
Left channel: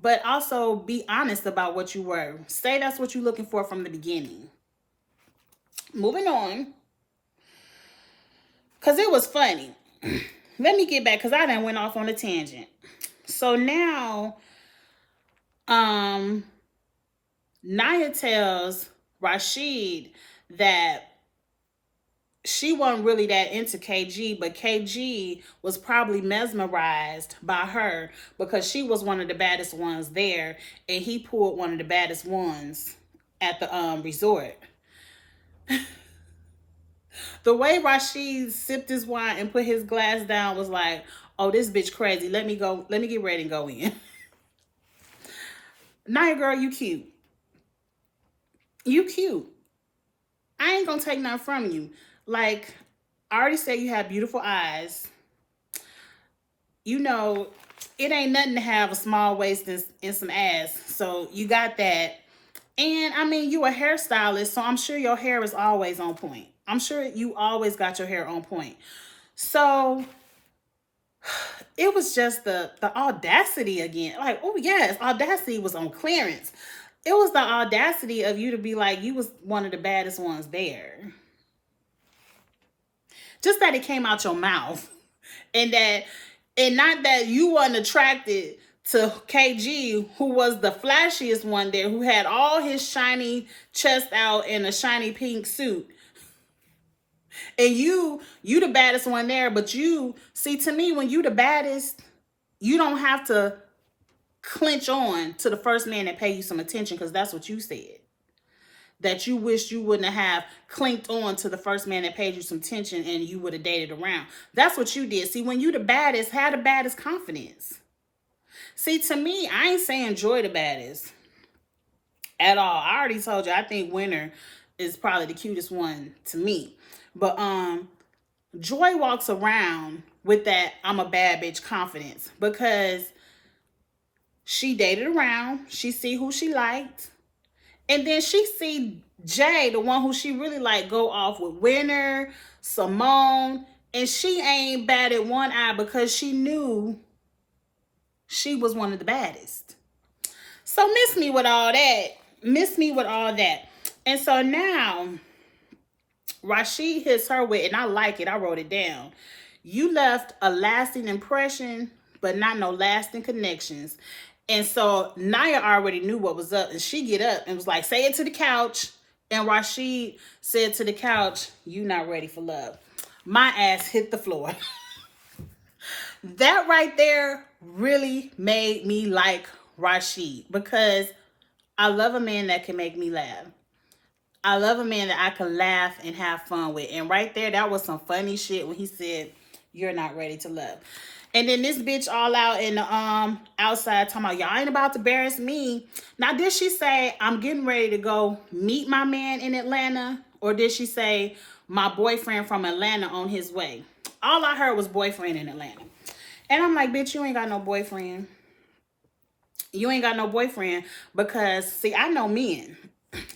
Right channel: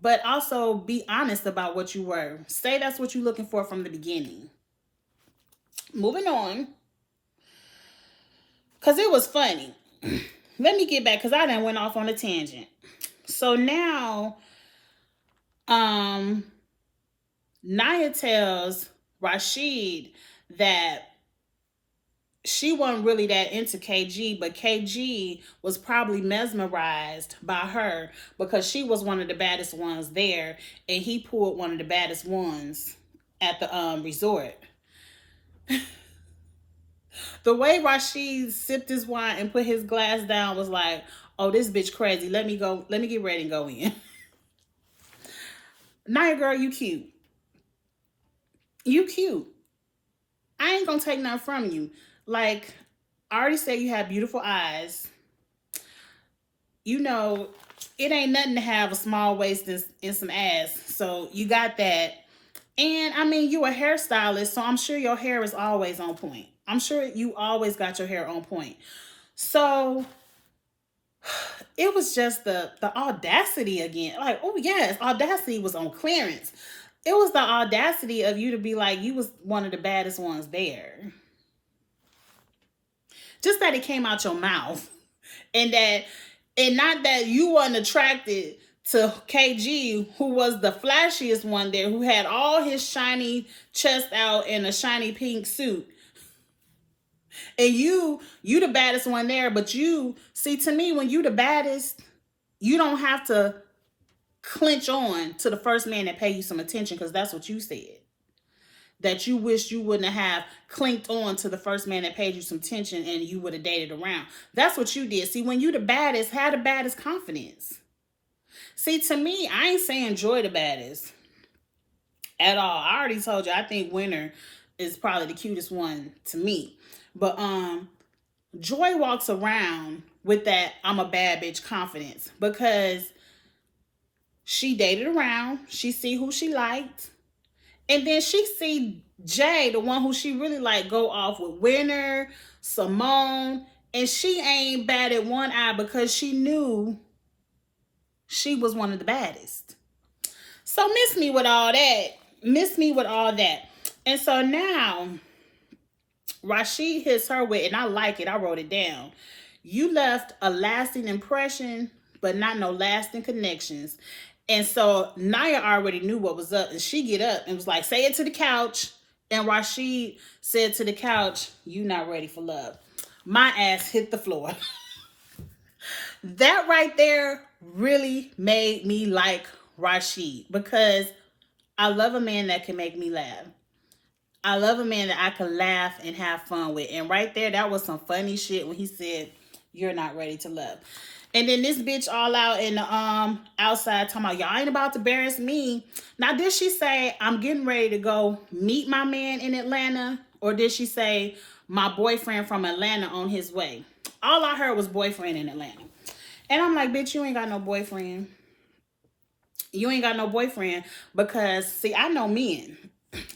but also be honest about what you were. Say that's what you're looking for from the beginning. Moving on, because it was funny. Let me get back, because I done went off on a tangent. So now, Nia tells Rashid that she wasn't really that into KG, but KG was probably mesmerized by her because she was one of the baddest ones there, and he pulled one of the baddest ones at the resort. The way Rashid sipped his wine and put his glass down was like, oh, this bitch crazy. Let me get ready and go in. Nia, girl, you cute. You cute. I ain't gonna take nothing from you. Like, I already said you have beautiful eyes. It ain't nothing to have a small waist and some ass. So you got that. And I mean, you a hairstylist, so I'm sure your hair is always on point. I'm sure you always got your hair on point. So it was just the audacity again. Like, oh yes, audacity was on clearance. It was the audacity of you to be like, you was one of the baddest ones there. Just that it came out your mouth. And not that you wasn't attracted to KG, who was the flashiest one there, who had all his shiny chest out in a shiny pink suit. And you the baddest one there, but to me, when you the baddest, you don't have to clinch on to the first man that pay you some attention, because that's what you said. that you wish you wouldn't have clinked on to the first man that paid you some attention and you would have dated around. That's what you did. See, when you the baddest, have the baddest confidence. See, to me, I ain't saying Joy the baddest at all. I already told you, I think Winter is probably the cutest one to me. But Joy walks around with that I'm a bad bitch confidence because she dated around. She see who she liked. And then she see Jay, the one who she really liked, go off with Winter, Simone. And she ain't batted one eye because she knew she was one of the baddest. So miss me with all that. Miss me with all that. And so now Rashid hits her with, and I like it, I wrote it down. You left a lasting impression, but not no lasting connections. And so Naya already knew what was up, and she get up and was like, say it to the couch. And Rashid said to the couch, you not ready for love. My ass hit the floor. That right there really made me like Rashid because I love a man that can make me laugh. I love a man that I can laugh and have fun with. And right there, that was some funny shit when he said, you're not ready to love. And then this bitch all out in the outside talking about, y'all ain't about to embarrass me. Now, did she say, I'm getting ready to go meet my man in Atlanta? Or did she say, my boyfriend from Atlanta on his way? All I heard was boyfriend in Atlanta. And I'm like, bitch, you ain't got no boyfriend. You ain't got no boyfriend because, see, I know men.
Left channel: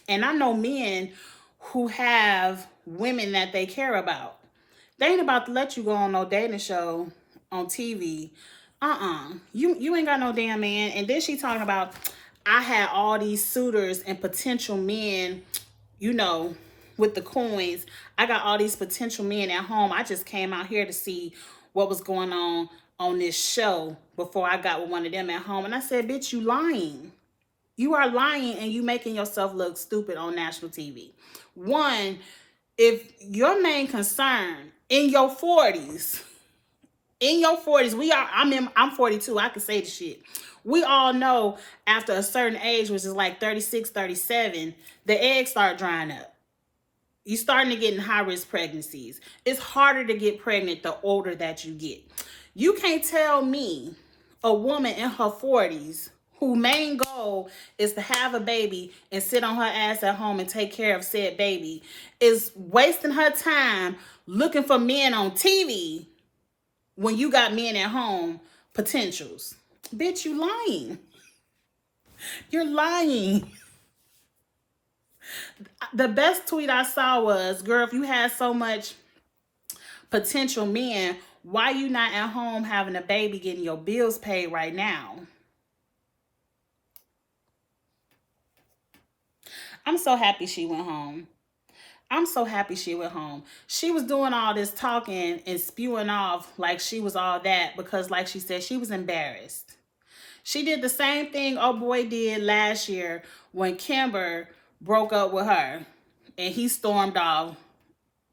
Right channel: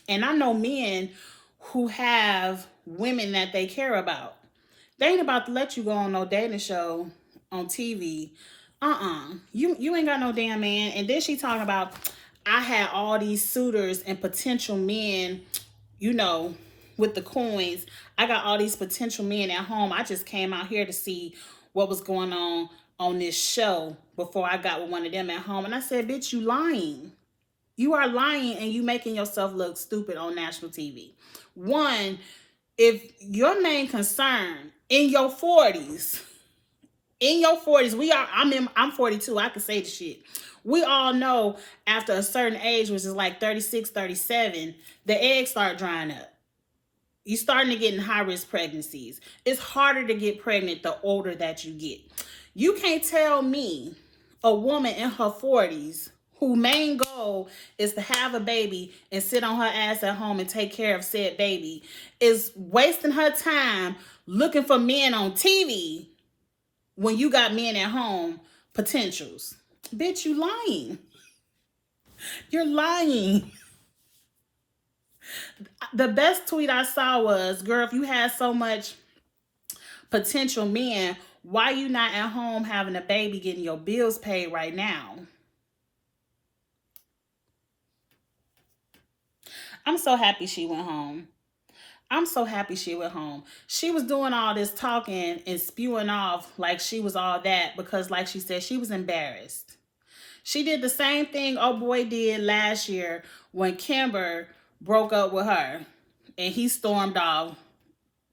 And I know men who have women that they care about. They ain't about to let you go on no dating show on TV. You ain't got no damn man. And then she talking about, I had all these suitors and potential men, you know, with the coins. I got all these potential men at home. I just came out here to see what was going on this show before I got with one of them at home. And I said, bitch, you lying. You are lying and you making yourself look stupid on national TV. One, if your main concern in your 40s, I'm 42, I can say the shit. We all know after a certain age, which is like 36, 37, the eggs start drying up. You starting to get in high-risk pregnancies. It's harder to get pregnant the older that you get. You can't tell me a woman in her 40s whose main goal is to have a baby and sit on her ass at home and take care of said baby is wasting her time looking for men on TV when you got men at home potentials. Bitch, you lying. You're lying. The best tweet I saw was, girl, if you had so much potential men, why you not at home having a baby getting your bills paid right now? I'm so happy she went home. I'm so happy she went home. She was doing all this talking and spewing off like she was all that because, like she said, she was embarrassed. She did the same thing old boy did last year when Kimber broke up with her and he stormed off.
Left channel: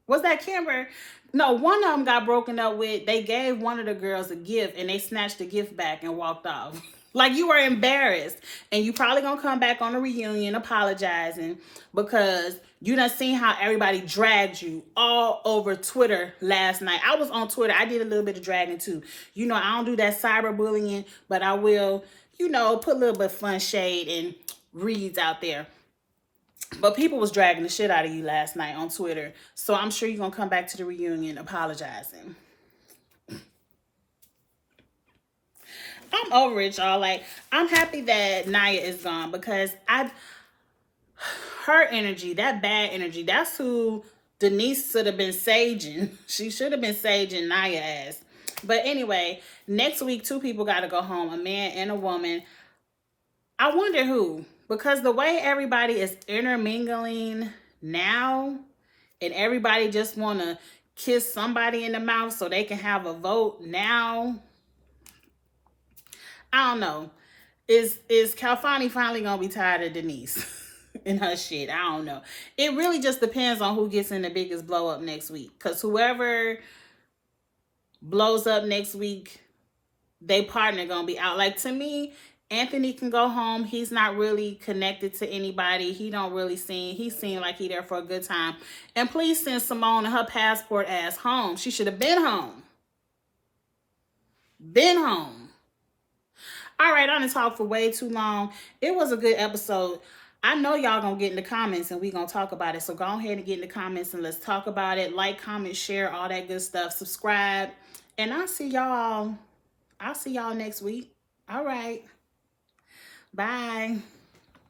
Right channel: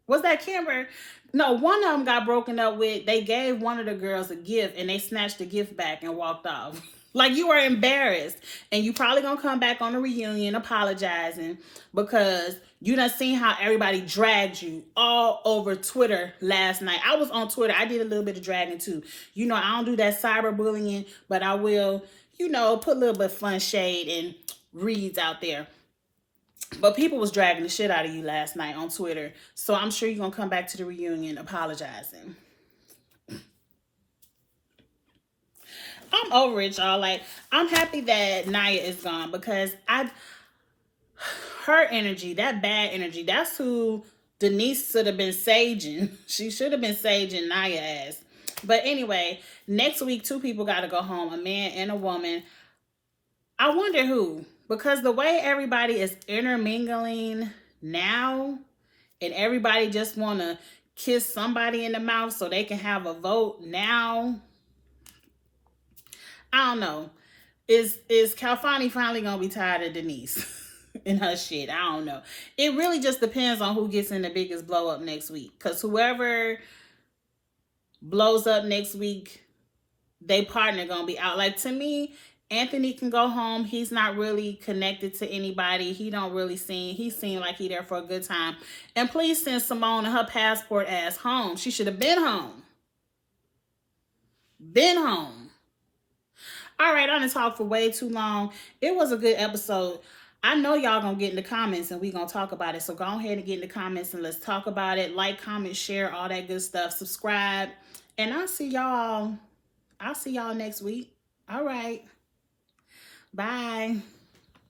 Was that Kimber? No, one of them got broken up with. They gave one of the girls a gift and they snatched the gift back and walked off. Like you were embarrassed. And you probably gonna come back on the reunion apologizing because you done seen how everybody dragged you all over Twitter last night. I was on Twitter. I did a little bit of dragging too. You know, I don't do that cyberbullying, but I will, you know, put a little bit of fun shade and reads out there. But people was dragging the shit out of you last night on Twitter. So I'm sure you're going to come back to the reunion apologizing. I'm over it, y'all. Like, I'm happy that Naya is gone because her energy, that bad energy, that's who Denise should have been saging. She should have been saging Naya ass. But anyway, next week, 2 people got to go home, a man and a woman. I wonder who. Because the way everybody is intermingling now and everybody just want to kiss somebody in the mouth so they can have a vote now. I don't know. Is Calfani finally going to be tired of Denise and her shit? I don't know. It really just depends on who gets in the biggest blow up next week. Because whoever blows up next week, they partner going to be out. Like, to me, Anthony can go home. He's not really connected to anybody. He don't really seem, he seemed like he there for a good time. And please send Simone and her passport ass home. She should have been home. Been home. All right, I'm gonna talk for way too long. It was a good episode. I know y'all gonna get in the comments and we gonna talk about it. So go ahead and get in the comments and let's talk about it. Like, comment, share, all that good stuff. Subscribe. And I'll see y'all next week. All right. Bye.